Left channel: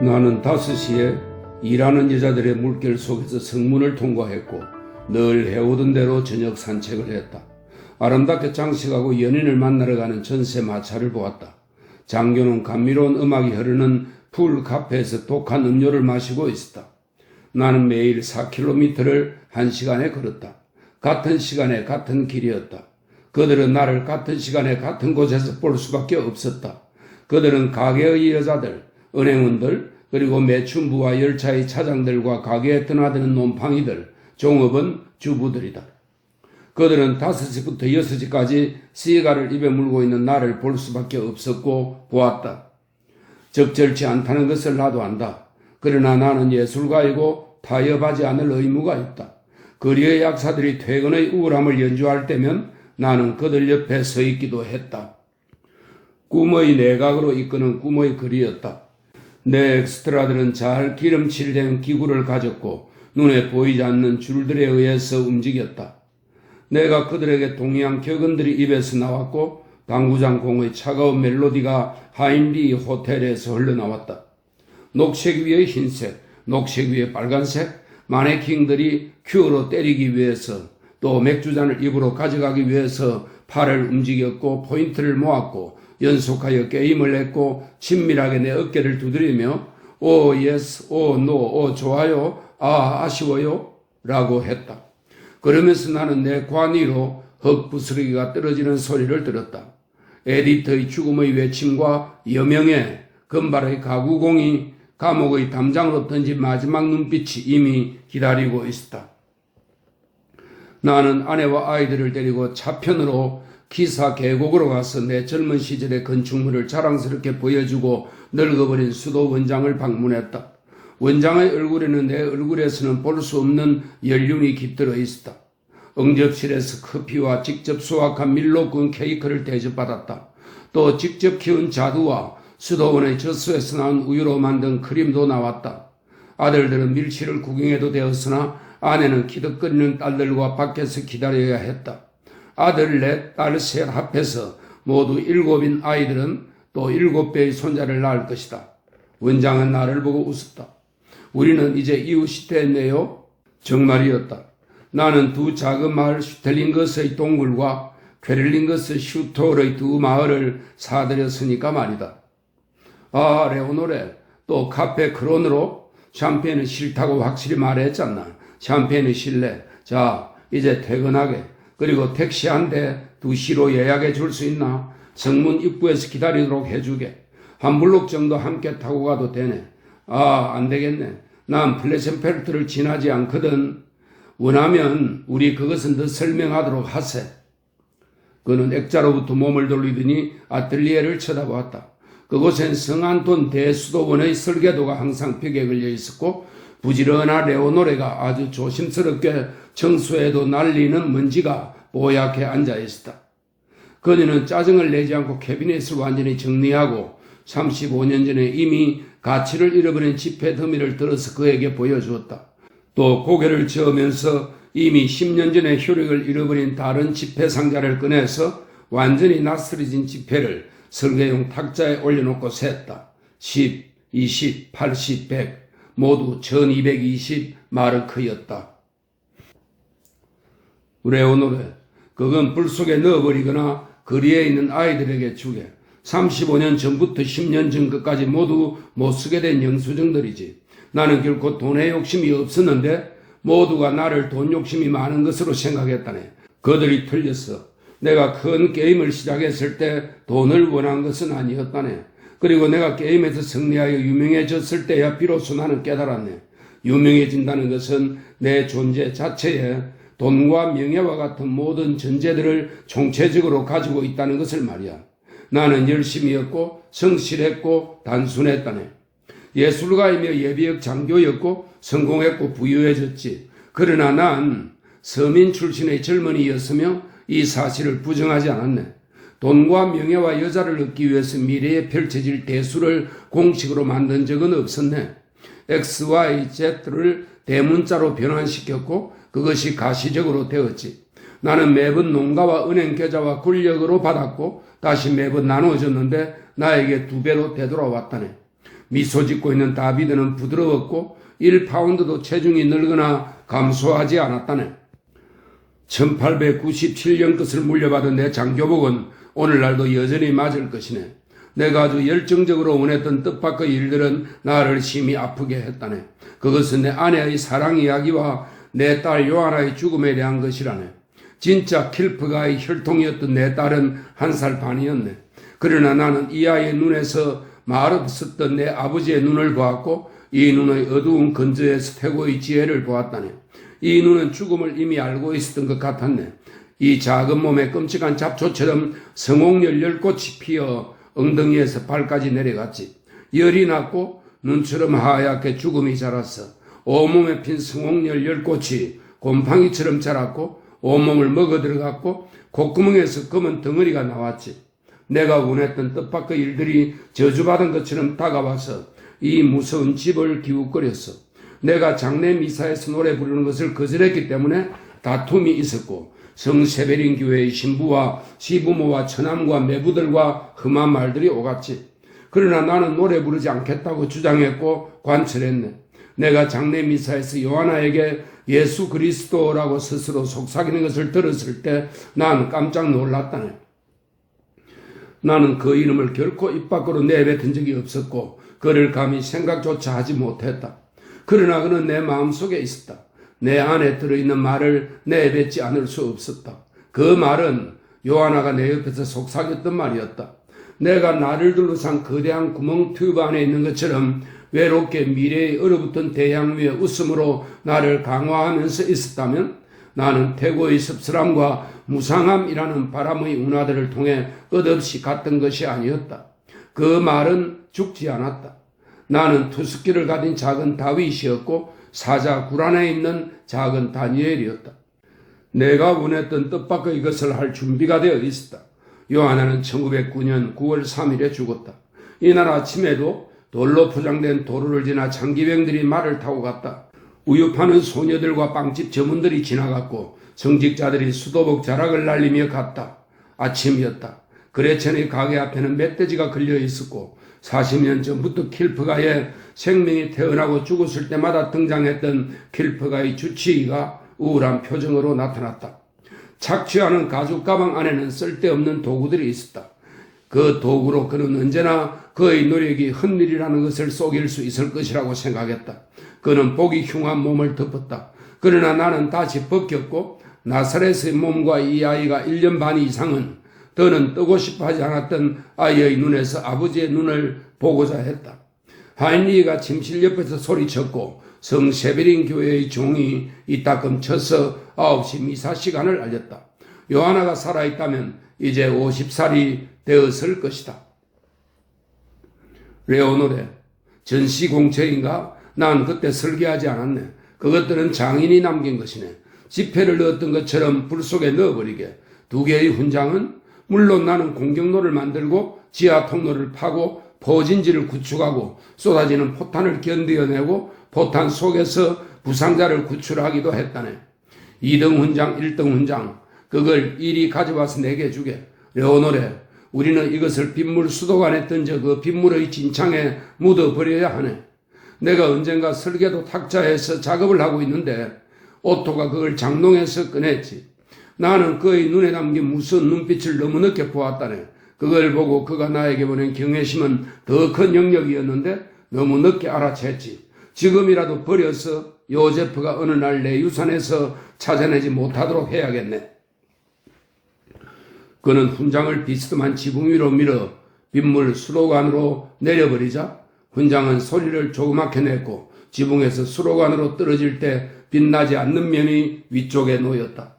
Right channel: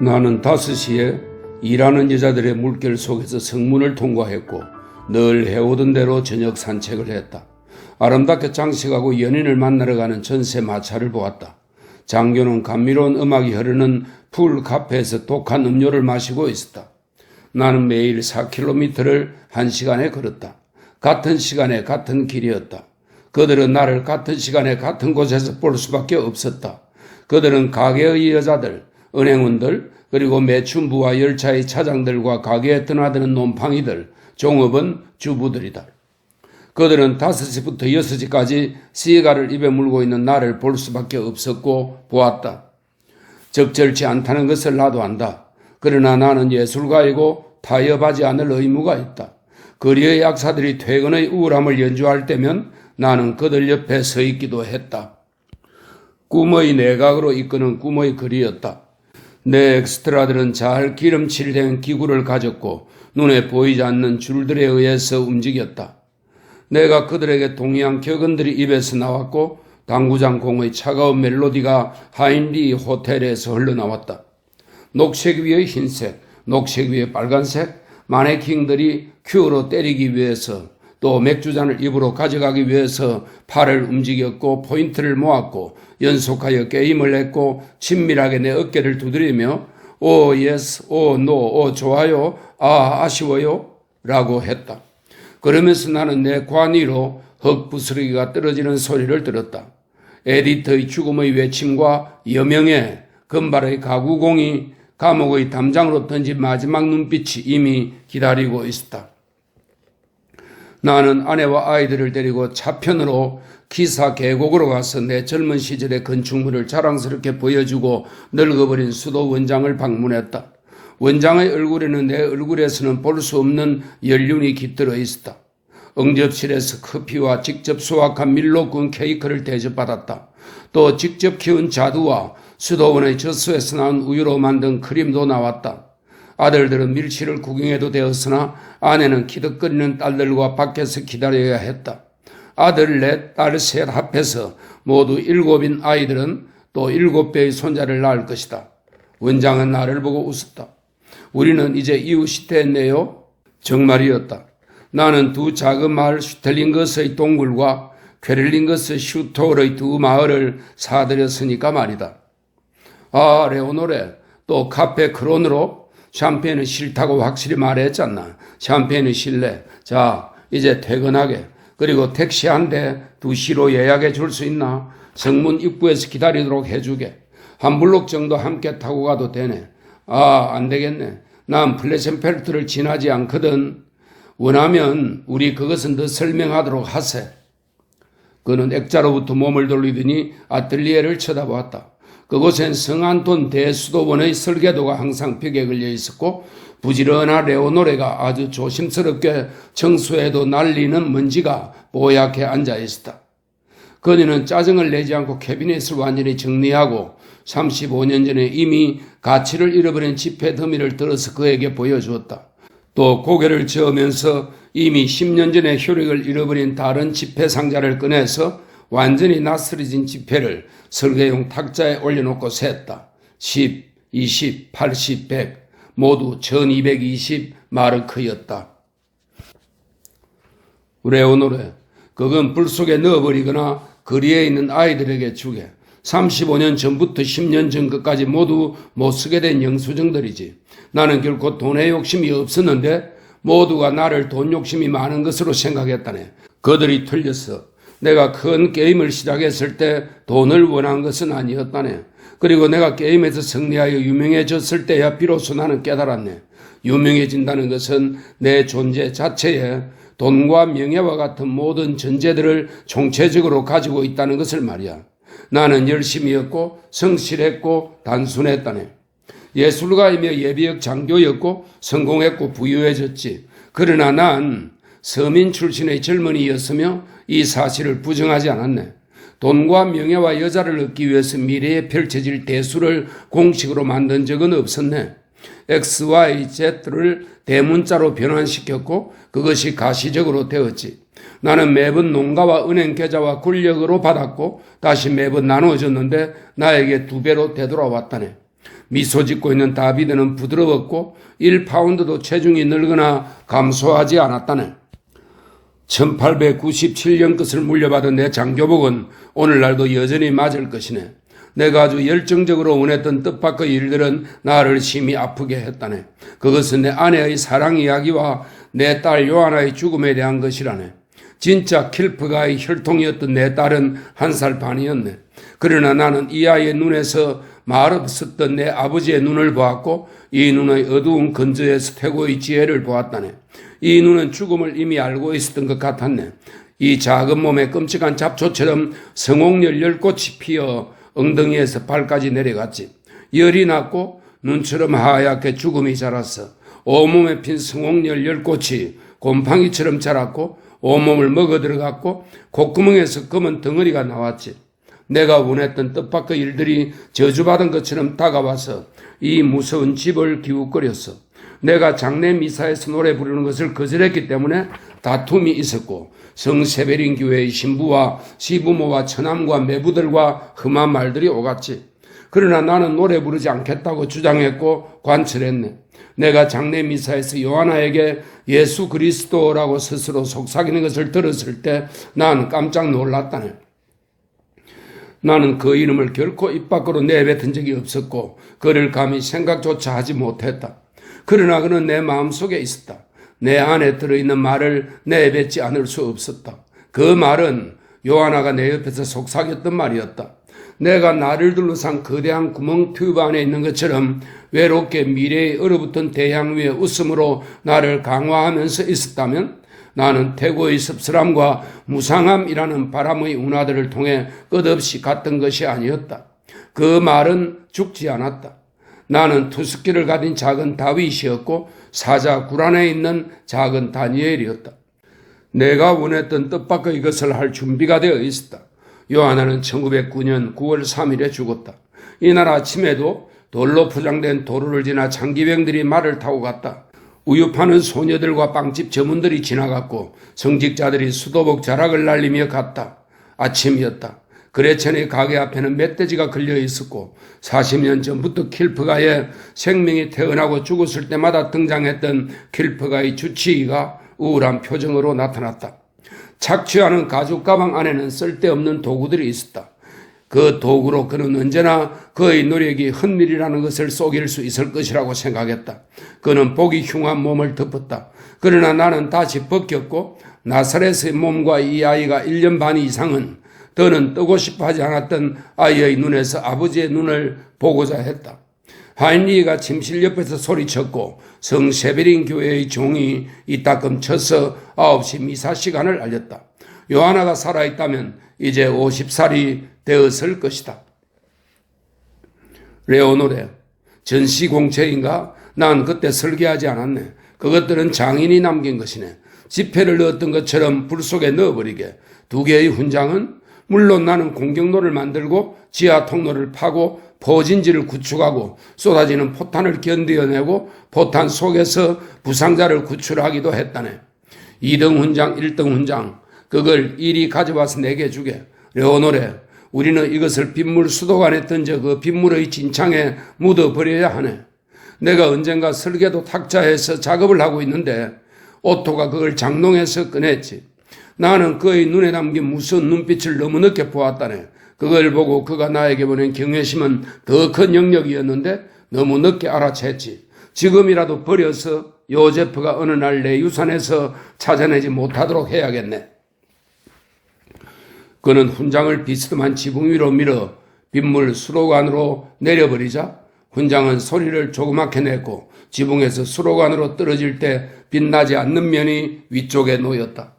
나는 5시에 일하는 여자들의 물결 속에서 성문을 통과했고 늘 해오던 대로 저녁 산책을 했다. 아름답게 장식하고 연인을 만나러 가는 전세 마차를 보았다. 장교는 감미로운 음악이 흐르는 풀 카페에서 독한 음료를 마시고 있었다. 나는 매일 4km를 1시간에 걸었다. 같은 시간에 같은 길이었다. 그들은 나를 같은 시간에 같은 곳에서 볼 수밖에 없었다. 그들은 가게의 여자들, 은행원들, 그리고 매춘부와 열차의 차장들과 가게에 떠나드는 놈팡이들, 종업원 주부들이다. 그들은 5시부터 6시까지 시가를 입에 물고 있는 나를 볼 수밖에 없었고 보았다. 적절치 않다는 것을 나도 안다. 그러나 나는 예술가이고 타협하지 않을 의무가 있다. 거리의 약사들이 퇴근의 우울함을 연주할 때면 나는 그들 옆에 서 있기도 했다. 꿈의 내각으로 이끄는 꿈의 거리였다. 내 엑스트라들은 잘 기름칠된 기구를 가졌고 눈에 보이지 않는 줄들에 의해서 움직였다. 내가 그들에게 동의한 격언들이 입에서 나왔고 당구장 공의 차가운 멜로디가 하인리 호텔에서 흘러나왔다. 녹색 위에 흰색, 녹색 위에 빨간색, 마네킹들이 큐어로 때리기 위해서 또 맥주잔을 입으로 가져가기 위해서 팔을 움직였고 포인트를 모았고 연속하여 게임을 했고 친밀하게 내 어깨를 두드리며 오 예스, 오 노, 오 좋아요, 아 아쉬워요 라고 했다. 그러면서 나는 내 관위로 흙부스러기가 떨어지는 소리를 들었다. 에디터의 죽음의 외침과 여명의 금발의 가구공이 감옥의 담장으로 던진 마지막 눈빛이 이미 기다리고 있었다. 나는 아내와 아이들을 데리고 차편으로 기사 계곡으로 가서 내 젊은 시절의 건축물을 자랑스럽게 보여주고 늙어버린 수도 원장을 방문했다. 원장의 얼굴에는 내 얼굴에서는 볼 수 없는 연륜이 깃들어 있었다. 응접실에서 커피와 직접 수확한 밀로 구운 케이크를 대접받았다. 또 직접 키운 자두와 수도원의 젖소에서 나온 우유로 만든 크림도 나왔다. 아들들은 밀치를 구경해도 되었으나 아내는 키득거리는 딸들과 밖에서 기다려야 했다. 아들 넷, 딸 셋 합해서 모두 7인 아이들은 또 7배의 손자를 낳을 것이다. 원장은 나를 보고 웃었다. 우리는 이제 이웃이 됐네요. 정말이었다. 나는 두 작은 마을 슈텔링거스의 동굴과 퀘를링거스 슈톨의 두 마을을 사들였으니까 말이다. 아, 레오노레, 또 카페 크론으로 샴페인은 싫다고 확실히 말했잖아. 샴페인은 실래. 자, 이제 퇴근하게. 그리고 택시 한 대 2시로 예약해 줄 수 있나? 성문 입구에서 기다리도록 해주게. 한 블록 정도 함께 타고 가도 되네. 아, 안 되겠네. 난 플레센펠트를 지나지 않거든. 원하면 우리 그것은 더 설명하도록 하세. 그는 액자로부터 몸을 돌리더니 아틀리에를 쳐다보았다. 그곳엔 성안톤 대수도원의 설계도가 항상 벽에 걸려 있었고 부지런한 레오노레가 아주 조심스럽게 청소해도 날리는 먼지가 뽀얗게 앉아 있었다. 그녀는 짜증을 내지 않고 캐비넷을 완전히 정리하고 35년 전에 이미 가치를 잃어버린 지폐 더미를 들어서 그에게 보여주었다. 또 고개를 저으면서 이미 10년 전에 효력을 잃어버린 다른 지폐 상자를 꺼내서 완전히 낯설어진 지폐를 설계용 탁자에 올려놓고 셌다. 10, 20, 80, 100 모두 1220 마르크였다. 레오노레, 그건 불 속에 넣어버리거나 거리에 있는 아이들에게 주게. 35년 전부터 10년 전 것까지 모두 못 쓰게 된 영수증들이지. 나는 결코 돈에 욕심이 없었는데 모두가 나를 돈 욕심이 많은 것으로 생각했다네. 그들이 틀렸어. 내가 큰 게임을 시작했을 때 돈을 원한 것은 아니었다네. 그리고 내가 게임에서 승리하여 유명해졌을 때야 비로소 나는 깨달았네. 유명해진다는 것은 내 존재 자체에 돈과 명예와 같은 모든 전제들을 총체적으로 가지고 있다는 것을 말이야. 나는 열심히 했고 성실했고 단순했다네. 예술가이며 예비역 장교였고 성공했고 부유해졌지. 그러나 난 서민 출신의 젊은이였으며 이 사실을 부정하지 않았네. 돈과 명예와 여자를 얻기 위해서 미래에 펼쳐질 대수를 공식으로 만든 적은 없었네. X, Y, Z를 대문자로 변환시켰고 그것이 가시적으로 되었지. 나는 매번 농가와 은행 계좌와 권력으로 받았고 다시 매번 나누어졌는데 나에게 2배로 되돌아왔다네. 미소 짓고 있는 다비드는 부드러웠고 1파운드도 체중이 늘거나 감소하지 않았다네. 1897년 것을 물려받은 내 장교복은 오늘날도 여전히 맞을 것이네. 내가 아주 열정적으로 원했던 뜻밖의 일들은 나를 심히 아프게 했다네. 그것은 내 아내의 사랑 이야기와 내 딸 요하나의 죽음에 대한 것이라네. 진짜 킬프가의 혈통이었던 내 딸은 1살 반이었네. 그러나 나는 이 아이의 눈에서 말없었던 내 아버지의 눈을 보았고 이 눈의 어두운 근저에서 태고의 지혜를 보았다네. 이 눈은 죽음을 이미 알고 있었던 것 같았네. 이 작은 몸에 끔찍한 잡초처럼 성홍열 10꽃이 피어 엉덩이에서 발까지 내려갔지. 열이 났고 눈처럼 하얗게 죽음이 자랐어. 온몸에 핀 성홍열 10꽃이 곰팡이처럼 자랐고 온몸을 먹어 들어갔고 콧구멍에서 검은 덩어리가 나왔지. 내가 원했던 뜻밖의 일들이 저주받은 것처럼 다가와서 이 무서운 집을 기웃거렸어. 내가 장례 미사에서 노래 부르는 것을 거절했기 때문에 다툼이 있었고 성 세베린 교회의 신부와 시부모와 처남과 매부들과 험한 말들이 오갔지. 그러나 나는 노래 부르지 않겠다고 주장했고 관철했네. 내가 장례 미사에서 요하나에게 예수 그리스도라고 스스로 속삭이는 것을 들었을 때 난 깜짝 놀랐다네. 나는 그 이름을 결코 입 밖으로 내뱉은 적이 없었고 그를 감히 생각조차 하지 못했다. 그러나 그는 내 마음속에 있었다. 내 안에 들어있는 말을 내뱉지 않을 수 없었다. 그 말은 요하나가 내 옆에서 속삭였던 말이었다. 내가 나를 둘러싼 거대한 구멍 튜브 안에 있는 것처럼 외롭게 미래의 얼어붙은 대양 위에 웃음으로 나를 강화하면서 있었다면 나는 태고의 씁쓸함과 무상함이라는 바람의 운하들을 통해 끝없이 갔던 것이 아니었다. 그 말은 죽지 않았다. 나는 투스키를 가진 작은 다윗이었고 사자 굴 안에 있는 작은 다니엘이었다. 내가 원했던 뜻밖의 것을 할 준비가 되어 있었다. 요하나는 1909년 9월 3일에 죽었다. 이날 아침에도 돌로 포장된 도로를 지나 장기병들이 말을 타고 갔다. 우유 파는 소녀들과 빵집 점원들이 지나갔고 성직자들이 수도복 자락을 날리며 갔다. 아침이었다. 그레천의 가게 앞에는 멧돼지가 걸려 있었고 40년 전부터 킬프가의 생명이 태어나고 죽었을 때마다 등장했던 킬프가의 주치의가 우울한 표정으로 나타났다. 착취하는 가죽 가방 안에는 쓸데없는 도구들이 있었다. 그 도구로 그는 언제나 그의 노력이 헛일이라는 것을 속일 수 있을 것이라고 생각했다. 그는 보기 흉한 몸을 덮었다. 그러나 나는 다시 벗겼고 나사렛의 몸과 이 아이가 1년 반 이상은 더는 뜨고 싶어 하지 않았던 아이의 눈에서 아버지의 눈을 보고자 했다. 하인리가 침실 옆에서 소리쳤고 성 세베린 교회의 종이 이따금 쳐서 9시 미사 시간을 알렸다. 요하나가 살아있다면 이제 50살이 되었을 것이다. 레오노레, 전시공채인가? 난 그때 설계하지 않았네. 그것들은 장인이 남긴 것이네. 지폐를 넣었던 것처럼 불 속에 넣어버리게. 2개의 훈장은 물론 나는 공격로를 만들고 지하 통로를 파고 포진지를 구축하고 쏟아지는 포탄을 견뎌내고 포탄 속에서 부상자를 구출하기도 했다네. 2등 훈장, 1등 훈장, 그걸 이리 가져와서 내게 주게. 레오노레, 우리는 이것을 빗물 수도관에 던져 그 빗물의 진창에 묻어버려야 하네. 내가 언젠가 설계도 탁자에서 작업을 하고 있는데 오토가 그걸 장롱에서 꺼냈지. 나는 그의 눈에 담긴 무서운 눈빛을 너무 늦게 보았다네. 그걸 보고 그가 나에게 보낸 경외심은 더 큰 영역이었는데 너무 늦게 알아챘지. 지금이라도 버려서 요제프가 어느 날 내 유산에서 찾아내지 못하도록 해야겠네. 그는 훈장을 비스듬한 지붕 위로 밀어 빗물 수로관으로 내려버리자 훈장은 소리를 조그맣게 냈고 지붕에서 수로관으로 떨어질 때 빛나지 않는 면이 위쪽에 놓였다.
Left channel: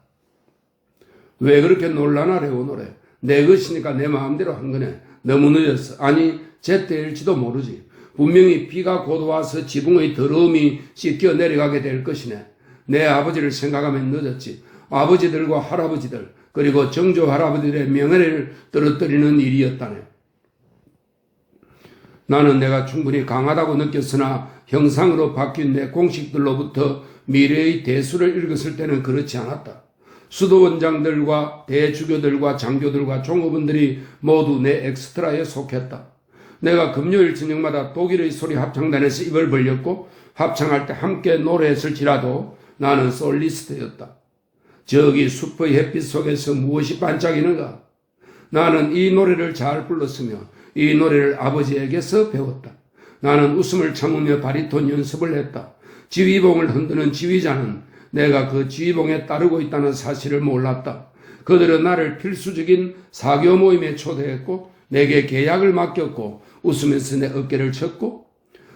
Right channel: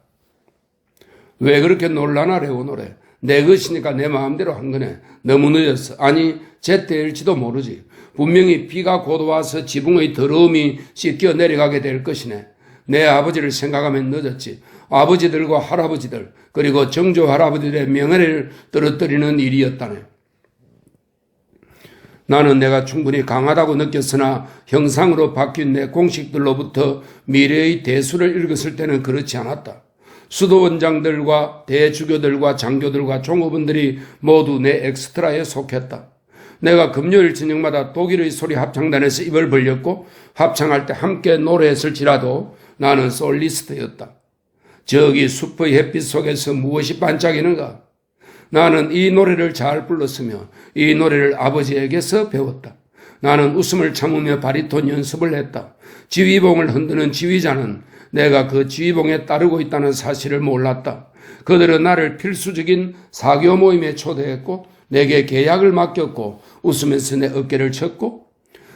왜 그렇게 놀라나 레오노레. 내 것이니까 내 마음대로 한 거네. 너무 늦었어. 아니 제때일지도 모르지. 분명히 비가 곧 와서 지붕의 더러움이 씻겨 내려가게 될 것이네. 내 아버지를 생각하면 늦었지. 아버지들과 할아버지들 그리고 정조 할아버지들의 명예를 떨어뜨리는 일이었다네. 나는 내가 충분히 강하다고 느꼈으나 형상으로 바뀐 내 공식들로부터 미래의 대수를 읽었을 때는 그렇지 않았다. 수도원장들과 대주교들과 장교들과 종업원들이 모두 내 엑스트라에 속했다. 내가 금요일 저녁마다 독일의 소리 합창단에서 입을 벌렸고 합창할 때 함께 노래했을지라도 나는 솔리스트였다. 저기 숲의 햇빛 속에서 무엇이 반짝이는가? 나는 이 노래를 잘 불렀으며 이 노래를 아버지에게서 배웠다. 나는 웃음을 참으며 바리톤 연습을 했다. 지휘봉을 흔드는 지휘자는 내가 그 지휘봉에 따르고 있다는 사실을 몰랐다. 그들은 나를 필수적인 사교 모임에 초대했고 내게 계약을 맡겼고 웃으면서 내 어깨를 쳤고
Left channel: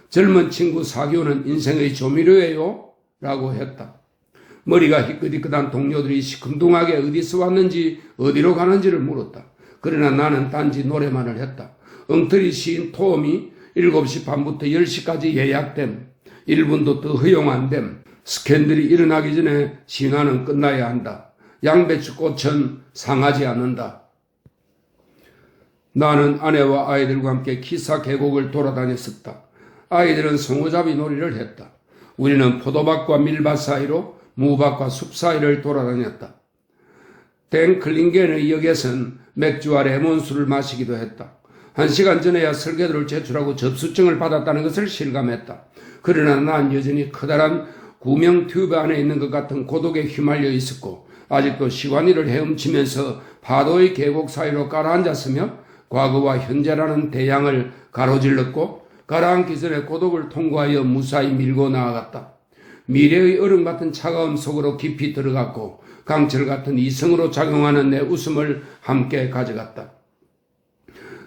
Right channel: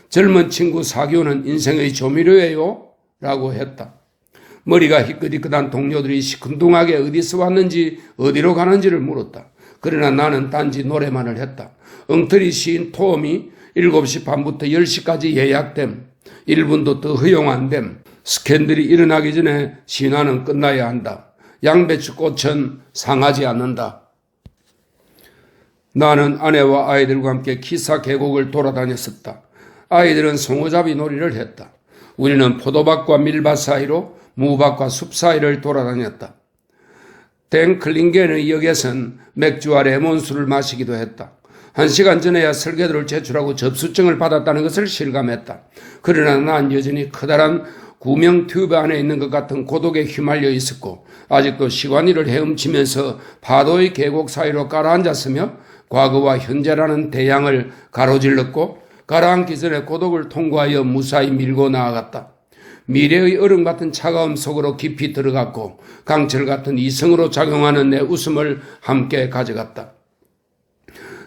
젊은 친구 사교는 인생의 조미료예요 라고 했다. 머리가 희끗희끗한 동료들이 시큰둥하게 어디서 왔는지 어디로 가는지를 물었다. 그러나 나는 단지 노래만을 했다. 엉터리 시인 토음이 7시 반부터 10시까지 예약됨, 1분도 더 허용 안 됨, 스캔들이 일어나기 전에 신화는 끝나야 한다. 양배추꽃은 상하지 않는다. 나는 아내와 아이들과 함께 키사 계곡을 돌아다녔었다. 아이들은 송어잡이 놀이를 했다. 우리는 포도밭과 밀밭 사이로 무밭과 숲 사이를 돌아다녔다. 땡클링겐의 역에선 맥주와 레몬수를 마시기도 했다. 1시간 전에야 설계도를 제출하고 접수증을 받았다는 것을 실감했다. 그러나 난 여전히 커다란 구명 튜브 안에 있는 것 같은 고독에 휘말려 있었고 아직도 시간이를 헤엄치면서 파도의 계곡 사이로 가라앉았으며 과거와 현재라는 대양을 가로질렀고 가라앉기 전에 고독을 통과하여 무사히 밀고 나아갔다. 미래의 얼음 같은 차가움 속으로 깊이 들어갔고 강철 같은 이성으로 작용하는 내 웃음을 함께 가져갔다.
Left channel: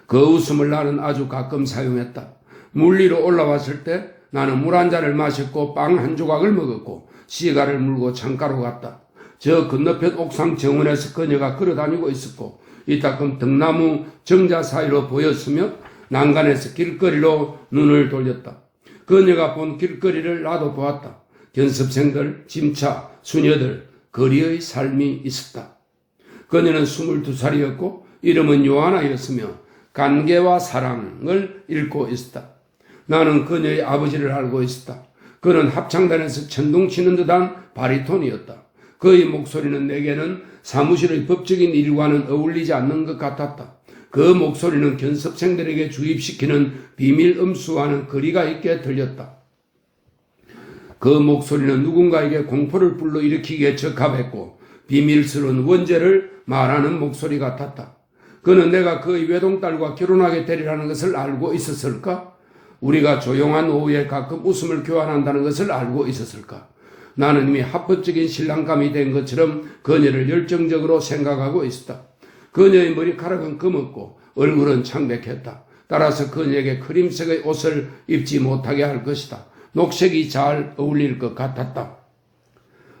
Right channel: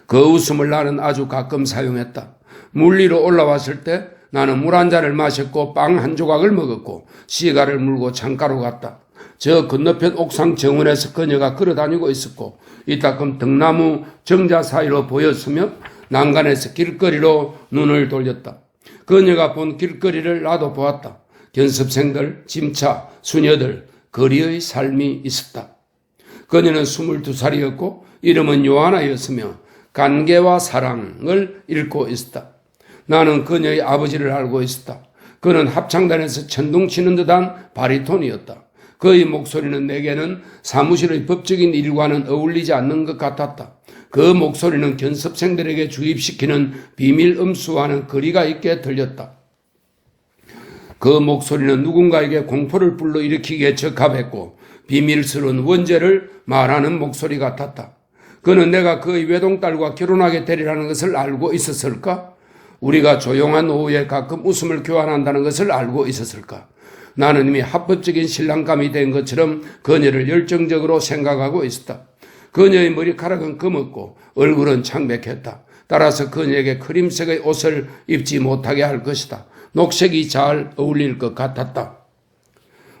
그 웃음을 나는 아주 가끔 사용했다. 물 위로 올라왔을 때 나는 물 한 잔을 마셨고 빵 한 조각을 먹었고 시가를 물고 창가로 갔다. 저 건너편 옥상 정원에서 그녀가 걸어다니고 있었고 이따금 등나무 정자 사이로 보였으며 난간에서 길거리로 눈을 돌렸다. 그녀가 본 길거리를 나도 보았다. 견습생들, 짐차, 수녀들, 거리의 삶이 있었다. 그녀는 22살이었고 이름은 요하나였으며 관계와 사랑을 읽고 있었다. 나는 그녀의 아버지를 알고 있었다. 그는 합창단에서 천둥치는 듯한 바리톤이었다. 그의 목소리는 내게는 사무실의 법적인 일과는 어울리지 않는 것 같았다. 그 목소리는 견습생들에게 주입시키는 비밀 음수와는 거리가 있게 들렸다. 그 목소리는 누군가에게 공포를 불러일으키기에 적합했고 비밀스러운 원죄를 말하는 목소리 같았다. 그는 내가 그의 외동딸과 결혼하게 되리라는 것을 알고 있었을까? 우리가 조용한 오후에 가끔 웃음을 교환한다는 것을 알고 있었을까? 나는 이미 합법적인 신랑감이 된 것처럼 그녀를 열정적으로 생각하고 있었다. 그녀의 머리카락은 검었고 얼굴은 창백했다. 따라서 그녀에게 크림색의 옷을 입지 못하게 할 것이다. 녹색이 잘 어울릴 것 같았다.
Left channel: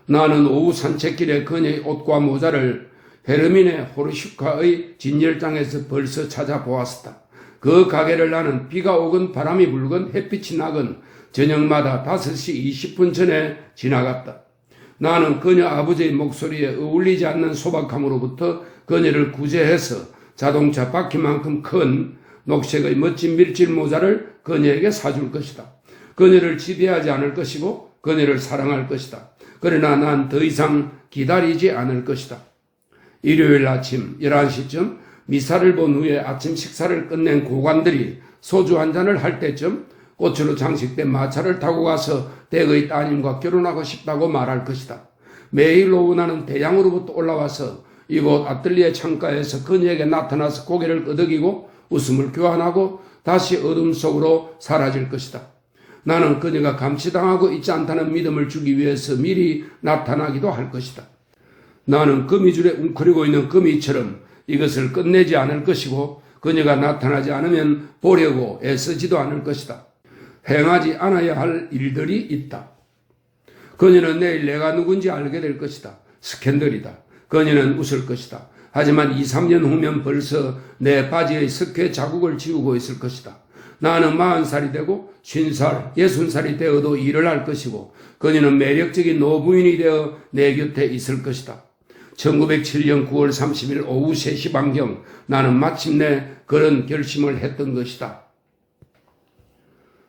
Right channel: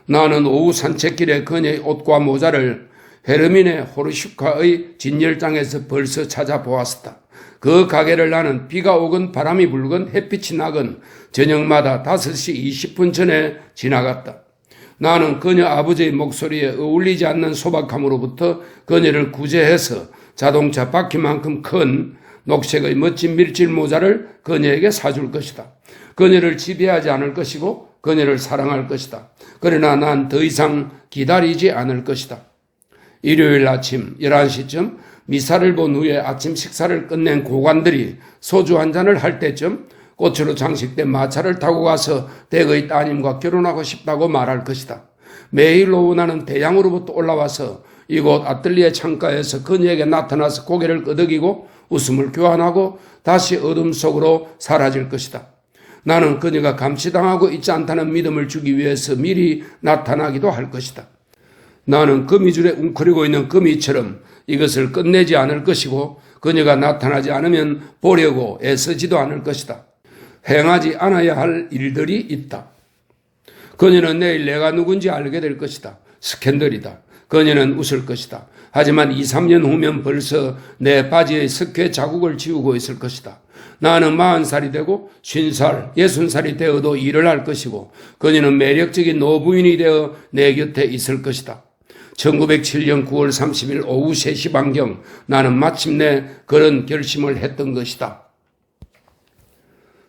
나는 오후 산책길에 그녀의 옷과 모자를 헤르미네 호르슈카의 진열장에서 벌써 찾아보았었다. 그 가게를 나는 비가 오건 바람이 불건 햇빛이 나건 저녁마다 5시 20분 전에 지나갔다. 나는 그녀 아버지의 목소리에 어울리지 않는 소박함으로부터 그녀를 구제해서 자동차 바퀴만큼 큰 녹색의 멋진 밀짚 모자를 그녀에게 사줄 것이다. 그녀를 지배하지 않을 것이고 그녀를 사랑할 것이다. 그러나 난 더 이상 기다리지 않을 것이다. 일요일 아침 11시쯤 미사를 본 후에 아침 식사를 끝낸 고관들이 소주 한 잔을 할 때쯤 꽃으로 장식된 마차를 타고 가서 댁의 따님과 결혼하고 싶다고 말할 것이다. 매일 오후 나는 대양으로부터 올라와서 이곳 아틀리에 창가에서 그녀에게 나타나서 고개를 끄덕이고 웃음을 교환하고 다시 어둠 속으로 사라질 것이다. 나는 그녀가 감시당하고 있지 않다는 믿음을 주기 위해서 미리 나타나기도 할 것이다. 나는 거미줄에 웅크리고 있는 거미처럼 이것을 끝내지 않을 것이고 그녀가 나타나지 않으면 보려고 애쓰지도 않을 것이다. 행하지 않아야 할 일들이 있다. 그녀는 내일 내가 누군지 알게 될 것이다. 스캔들이다. 그녀는 웃을 것이다. 하지만 2, 3년 후면 벌써 내 바지의 석회 자국을 지우고 있을 것이다. 나는 40살이 되고 50살, 60살이 되어도 일을 할 것이고 그녀는 매력적인 노부인이 되어 내 곁에 있을 것이다. 1907년 9월 30일 오후 3시 반경 나는 마침내 그런 결심을 했던 것이다.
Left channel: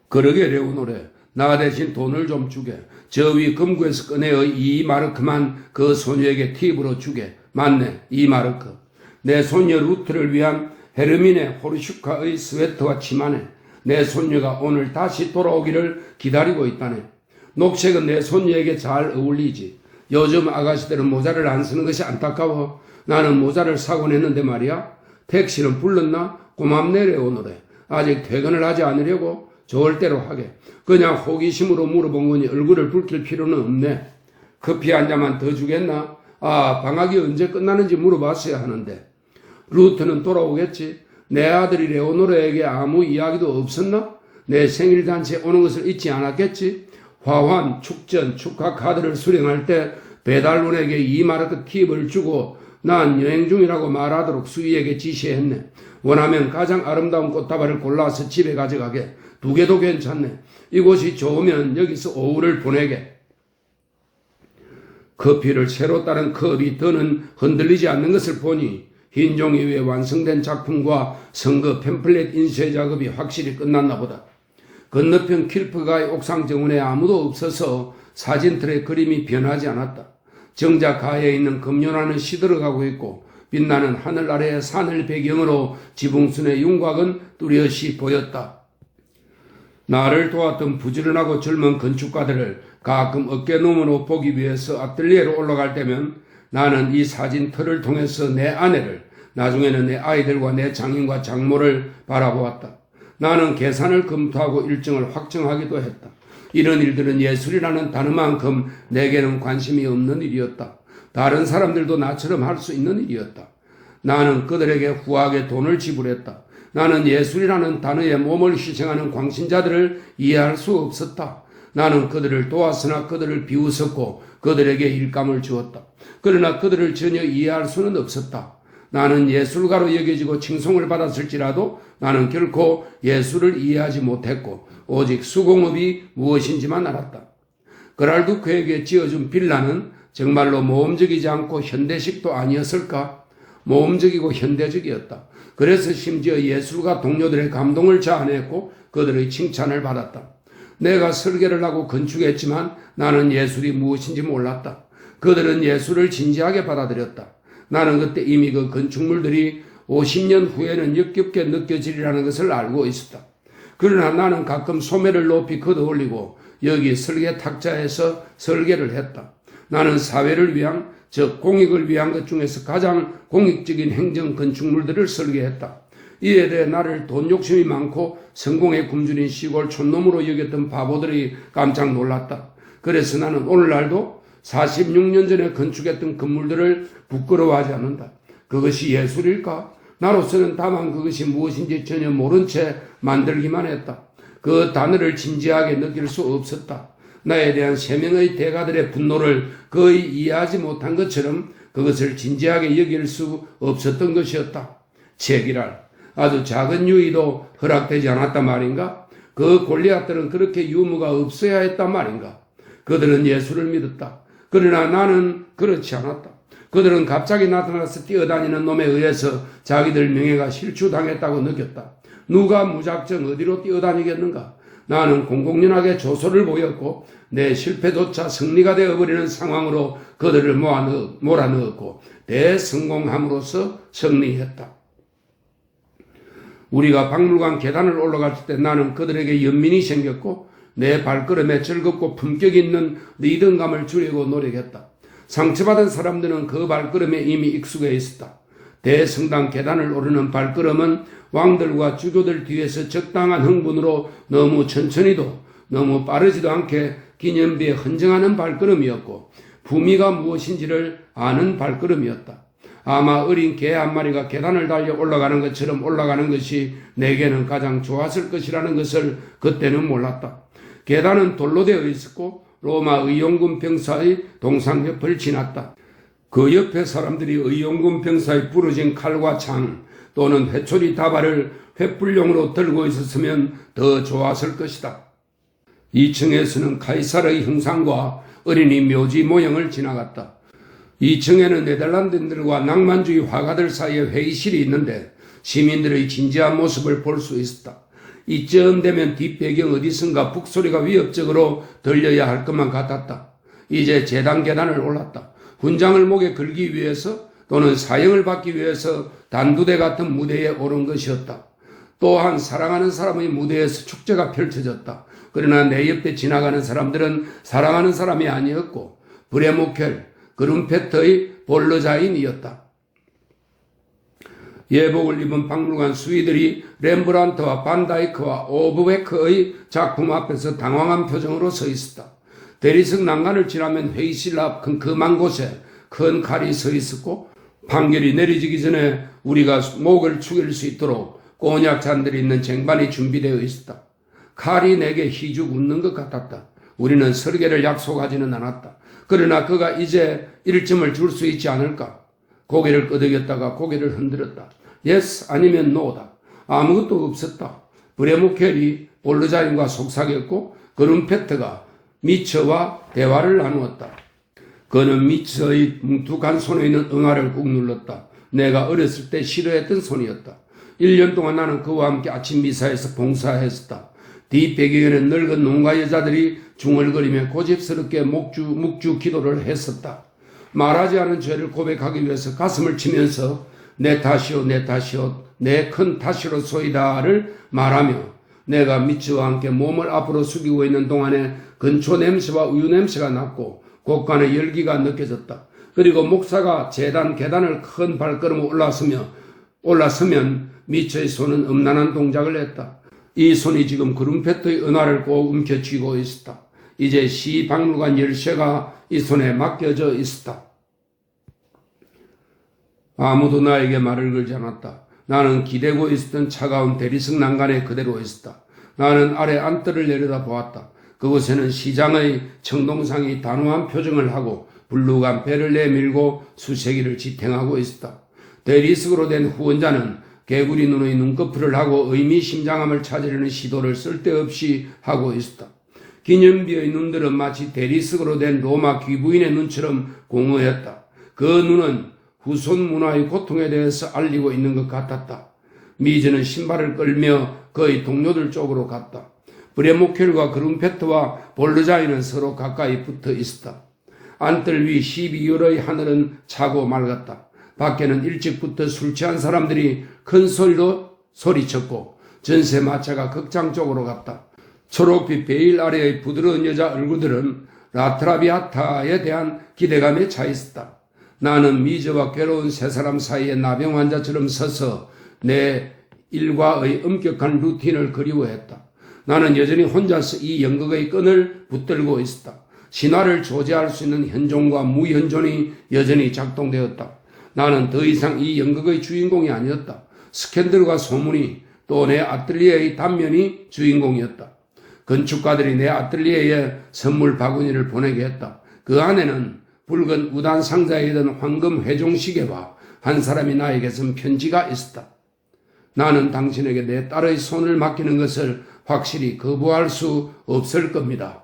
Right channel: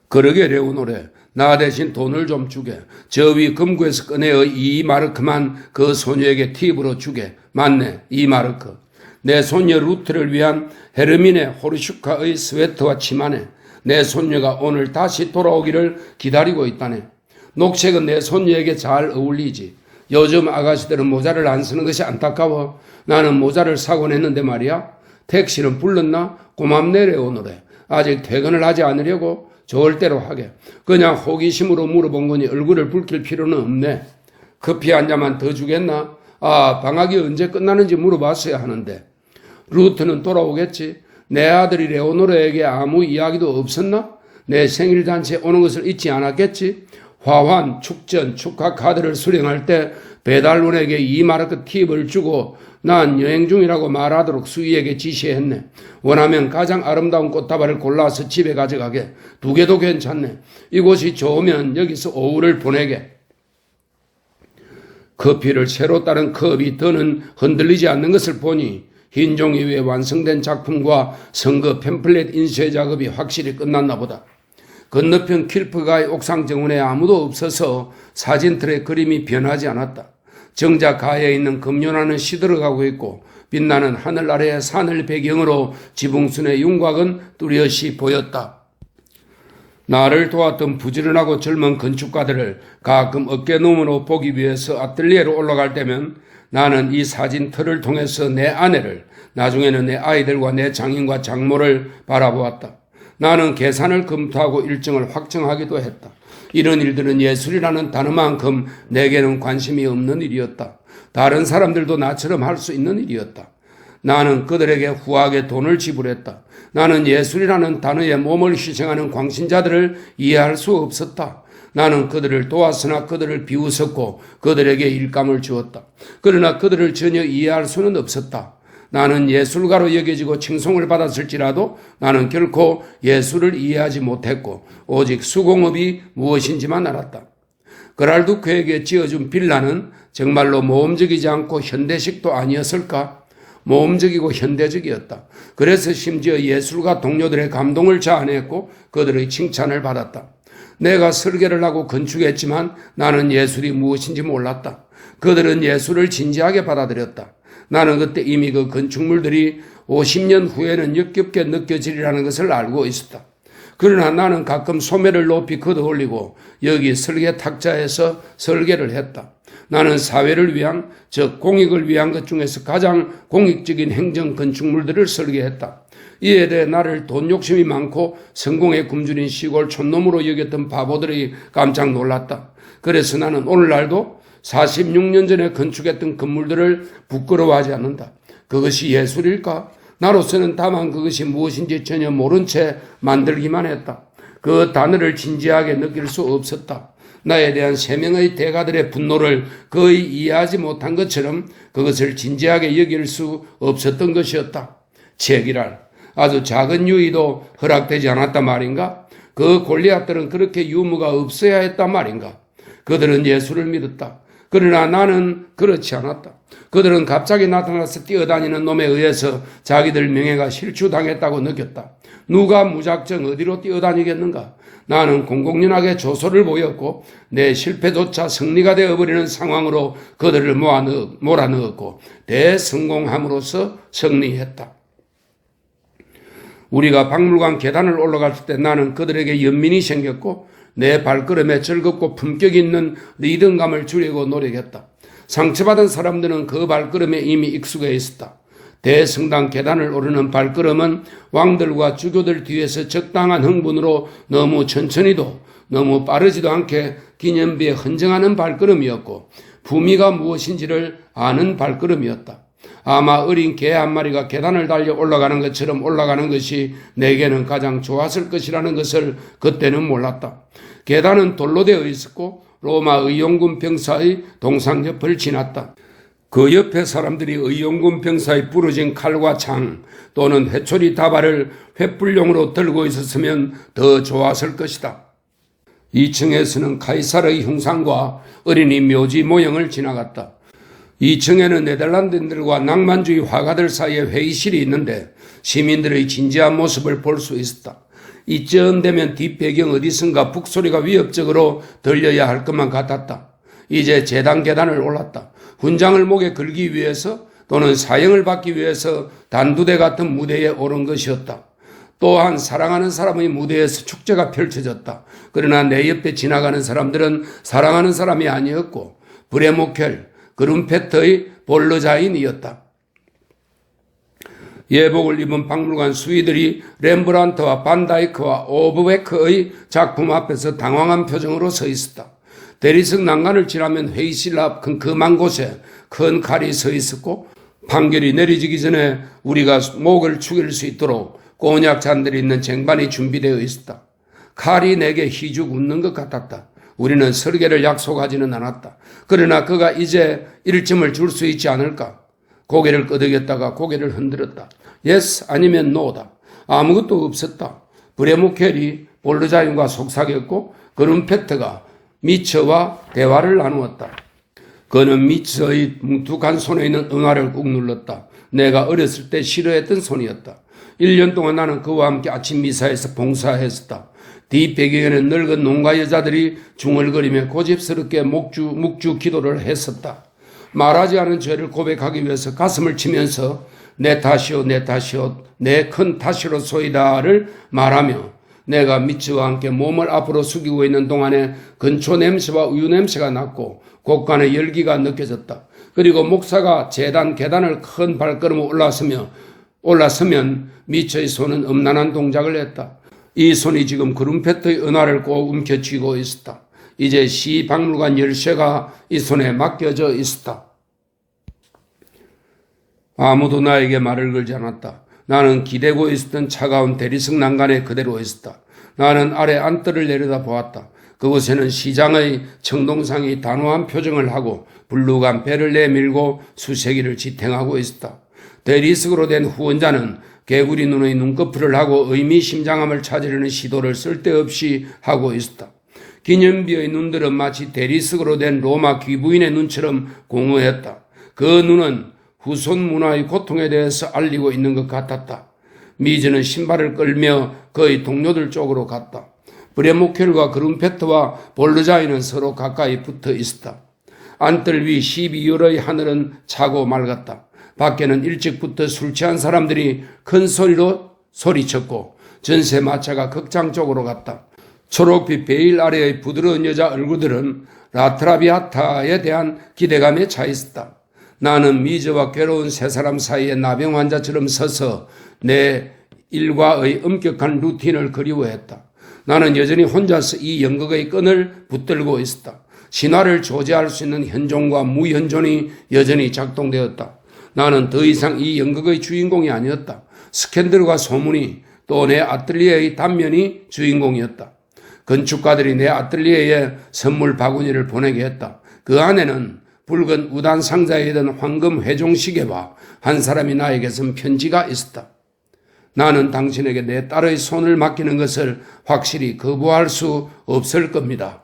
그러게 레오노래, 나 대신 돈을 좀 주게. 저 위 금구에서 꺼내어 2마르크만 그 소녀에게 팁으로 주게. 맞네, 2마르크. 내 손녀 루트를 위한 헤르민의 호르슈카의 스웨터와 치마네. 내 손녀가 오늘 다시 돌아오기를 기다리고 있다네. 녹색은 내 손녀에게 잘 어울리지. 요즘 아가씨들은 모자를 안 쓰는 것이 안타까워. 나는 모자를 사곤 했는데 말이야. 택시는 불렀나? 고맙네래 오늘에. 아직 퇴근을 하지 않으려고? 좋을 대로 하게. 그냥 호기심으로 물어본 거니 얼굴을 붉힐 필요는 없네. 커피 한 잔만 더 주겠나? 방학이 언제 끝나는지 물어봤어야 하는데. 루트는 돌아오겠지. 내 아들이 레오노르에게 아무 이야기도 없었나? 내 생일잔치에 오는 것을 잊지 않았겠지. 화환, 축전, 축하 카드를 수령할 때 배달원에게 2마르크 팁을 주고 난 여행 중이라고 말하도록 수희에게 지시했네. 원하면 가장 아름다운 꽃다발을 골라서 집에 가져가게. 2개도 괜찮네. 이곳이 좋으면 여기서 오후를 보내게. 커피를 새로 따른 컵이 더는 흔들리지 않는 것을 보니 흰 종이 위에 완성된 작품과 선거 팸플렛 인쇄 작업이 확실히 끝났나 보다. 건너편 킬프가의 옥상 정원에 아무도 없어서 사진틀의 그림이 변하지 않았다. 정작 가에 있는 금연하는 시들어가고 있고 빛나는 하늘 아래의 산을 배경으로 지붕순의 윤곽은 뚜렷이 보였다. 나를 도왔던 부지런하고 젊은 건축가들을 가끔 어깨너머로 보기 위해서 아틀리에로 올라갈 때면 나는 이 사진틀을 통해서 내 아내를, 나중에는 내 아이들과 내 장인과 장모를 바라보았다. 나는 계산을 검토하고 일정을 확정하기도 했다. 이런 일들은 예술이라는 단어만큼 내게는 관심이 없는 일이었다. 다른 사람들도 나처럼 할 수 있는 일이었다. 나는 그들에게 후하게 돈을 지불했다. 나는 예술이라는 단어에 몸을 희생하는 광신자들을 이해할 수 없었다. 나는 그들을 도왔으나 그들을 비웃었고 그들에게 일감을 주었다. 그러나 그들을 전혀 이해할 수는 없었다. 나는 예술가로 여겨지고 칭송을 받았을지라도 나는 결코 예술을 이해하지 못했고 오직 수공업이 무엇인지만 알았다. 그랄두크에게 지어준 빌라는 정말로 모험적이지 않고 현대식도 아니었을까? 모험적이고 현대적이었다. 그래서 심지어 예술가 동료들의 감동을 자아냈고 그들의 칭찬을 받았다. 내가 설계를 하고 건축했지만 나는 예술이 무엇인지 몰랐다. 그들은 예술을 진지하게 받아들였다. 나는 그때 이미 그 건축물들이 50년 후에는 역겹게 느껴지리라는 것을 알고 있었다. 그러나 나는 가끔 소매를 높이 걷어올리고 여기 설계 탁자에서 설계를 했다. 나는 사회를 위한, 즉 공익을 위한 것 중에서 가장 공익적인 행정 건축물들을 설계했다. 이에 대해 나를 돈 욕심이 많고 성공에 굶주린 시골 촌놈으로 여겼던 바보들이 깜짝 놀랐다. 그래서 나는 오늘날도 46년 전에 건축했던 건물들을 부끄러워하지 않는다. 그것이 예술일까? 나로서는 다만 그것이 무엇인지 전혀 모른 채 만들기만 했다. 그 단어를 진지하게 느낄 수 없었다. 나에 대한 3명의 대가들의 분노를 거의 이해하지 못한 것처럼 그것을 진지하게 여길 수 없었던 것이었다. 책이랄. 아주 작은 유의도 허락되지 않았단 말인가? 그 골리앗들은 그렇게 유무가 없어야 했단 말인가? 그들은 예술을 믿었다. 그러나 나는 그렇지 않았다. 그들은 갑자기 나타나서 뛰어다니는 놈에 의해서 자기들 명예가 실추당했다고 느꼈다. 누가 무작정 어디로 뛰어다니겠는가? 나는 공공연하게 조소를 보였고 내 실패조차 승리가 되어버리는 상황으로 그들을 몰아넣었고 대성공함으로써 승리했다. 우리가 박물관 계단을 올라갈 때 나는 그들에게 연민이 생겼고 내 발걸음에 즐겁고 품격 있는 리듬감을 주려고 노력했다. 상처받은 사람들은 그 발걸음에 이미 익숙해 있었다. 대성당 계단을 오르는 발걸음은 왕들과 주교들 뒤에서 적당한 흥분으로 너무 천천히도 너무 빠르지도 않게 기념비에 헌정하는 발걸음이었고 품위가 무엇인지를 아는 발걸음이었다. 아마 어린 개 한 마리가 계단을 달려 올라가는 것처럼 올라가는 것이 내게는 가장 좋았을 것이라는 것을 그때는 몰랐다. 계단은 돌로 되어 있었고 로마 의용군 병사의 동상옆을 지났다. 그 옆에 사람들이 의용군 병사의 부러진 칼과 창 또는 회초리 다발을 횃불용으로 들고 있었으면 더 좋았을 것이다. 2층에서는 카이사르의 형상과 어린이 묘지 모형을 지나갔다. 2층에는 네덜란드인들과 낭만주의 화가들 사이에 회의실이 있는데 시민들의 진지한 모습을 볼 수 있었다. 이쯤 되면 뒷배경 어디선가 북소리가 위협적으로 들려야 할 것만 같았다. 이제 재단 계단을 올랐다. 훈장을 목에 걸기 위해서 또는 사형을 받기 위해서 단두대 같은 무대에 오른 것이었다. 또한 사랑하는 사람의 무대에서 축제가 펼쳐졌다. 그러나 내 옆에 지나가는 사람들은 사랑하는 사람이 아니었고 브레모켈, 그룬페트의 볼러자인이었다. 예복을 입은 박물관 수의들이 렘브란트와 반다이크와 오브베크의 작품 앞에서 당황한 표정으로 서 있었다. 대리석 난간을 지나면 회의실 앞 큼큼한 곳에 큰 칼이 서 있었고 판결이 내려지기 전에 우리가 목을 축일 수 있도록 꼬냑 잔들이 있는 쟁반이 준비되어 있었다. 칼이 내게 희죽 웃는 것 같았다. 우리는 설계를 약속하지는 않았다. 그러나 그가 이제 일점을 줄 수 있지 않을까? 고개를 끄덕였다가 고개를 흔들었다. yes 아니면 no다. 아무것도 없었다. 브레모켈이 볼르자인과 속삭였고 그룬페트가 미처와 대화를 나누었다. 그는 미처의 뭉툭한 손에 있는 응아를 꾹 눌렀다. 내가 어렸을 때 싫어했던 손이었다. 1년 동안 나는 그와 함께 아침 미사에서 봉사했었다. 뒷배경에는 늙은 농가 여자들이 중얼거리며 고집스럽게 묵주 기도를 했었다. 말하지 않은 죄를 고백하기 위해서 가슴을 치면서 내 탓이오 내 탓이오 내 큰 탓이로소이다를 말하며 내가 미츠와 함께 몸을 앞으로 숙이고 있는 동안에 근초 냄새와 우유 냄새가 났고 곳간에 열기가 느껴졌다. 그리고 목사가 재단 계단을 큰 발걸음으로 올라서면 미츠의 손은 음란한 동작을 했다. 이 손이 지금 그룬페트의 은화를 꼭 움켜쥐고 있었다. 이제 시박물관 열쇠가 이 손에 맡겨져 있었다. 아무도 나에게 말을 걸지 않았다. 나는 기대고 있었던 차가운 대리석 난간에 그대로 있었다. 나는 아래 안뜰을 내려다 보았다. 그곳에는 시장의 청동상이 단호한 표정을 하고 불룩한 배를 내밀고 수세기를 지탱하고 있었다. 대리석으로 된 후원자는 개구리 눈의 눈꺼풀을 하고 의미심장함을 찾으려는 시도를 쓸데없이 하고 있었다. 기념비의 눈들은 마치 대리석으로 된 로마 귀부인의 눈처럼 공허했다. 그 눈은 후손 문화의 고통에 대해서 알리고 있는 것 같았다. 미즈는 신발을 끌며 그의 동료들 쪽으로 갔다. 브레모켈과 그룬페트와 볼르자이는 서로 가까이 붙어 있었다. 안뜰 위 12월의 하늘은 차고 맑았다. 밖에는 일찍부터 술 취한 사람들이 큰 소리로 소리쳤고 전세마차가 극장 쪽으로 갔다. 초록빛 베일 아래의 부드러운 여자 얼굴들은 라트라비아타에 대한 기대감에 차 있었다. 나는 미즈와 괴로운 세 사람 사이에 나병 환자처럼 서서 내 일과의 엄격한 루틴을 그리워했다. 나는 여전히 혼자서 이 연극의 끈을 붙들고 있었다. 신화를 조제할 수 있는 현존과 무현존이 여전히 작동되었다. 나는 더 이상 이 연극의 주인공이 아니었다. 스캔들과 소문이 또 내 아틀리에의 단면이 주인공이었다. 건축가들이 내 아틀리에에 선물 바구니를 보내게 했다. 그 안에는 붉은 우단 상자에 든 황금 회종시계와 한 사람이 나에게 쓴 편지가 있었다. 나는 당신에게 내 딸의 손을 맡기는 것을 확실히 거부할 수 없을 겁니다.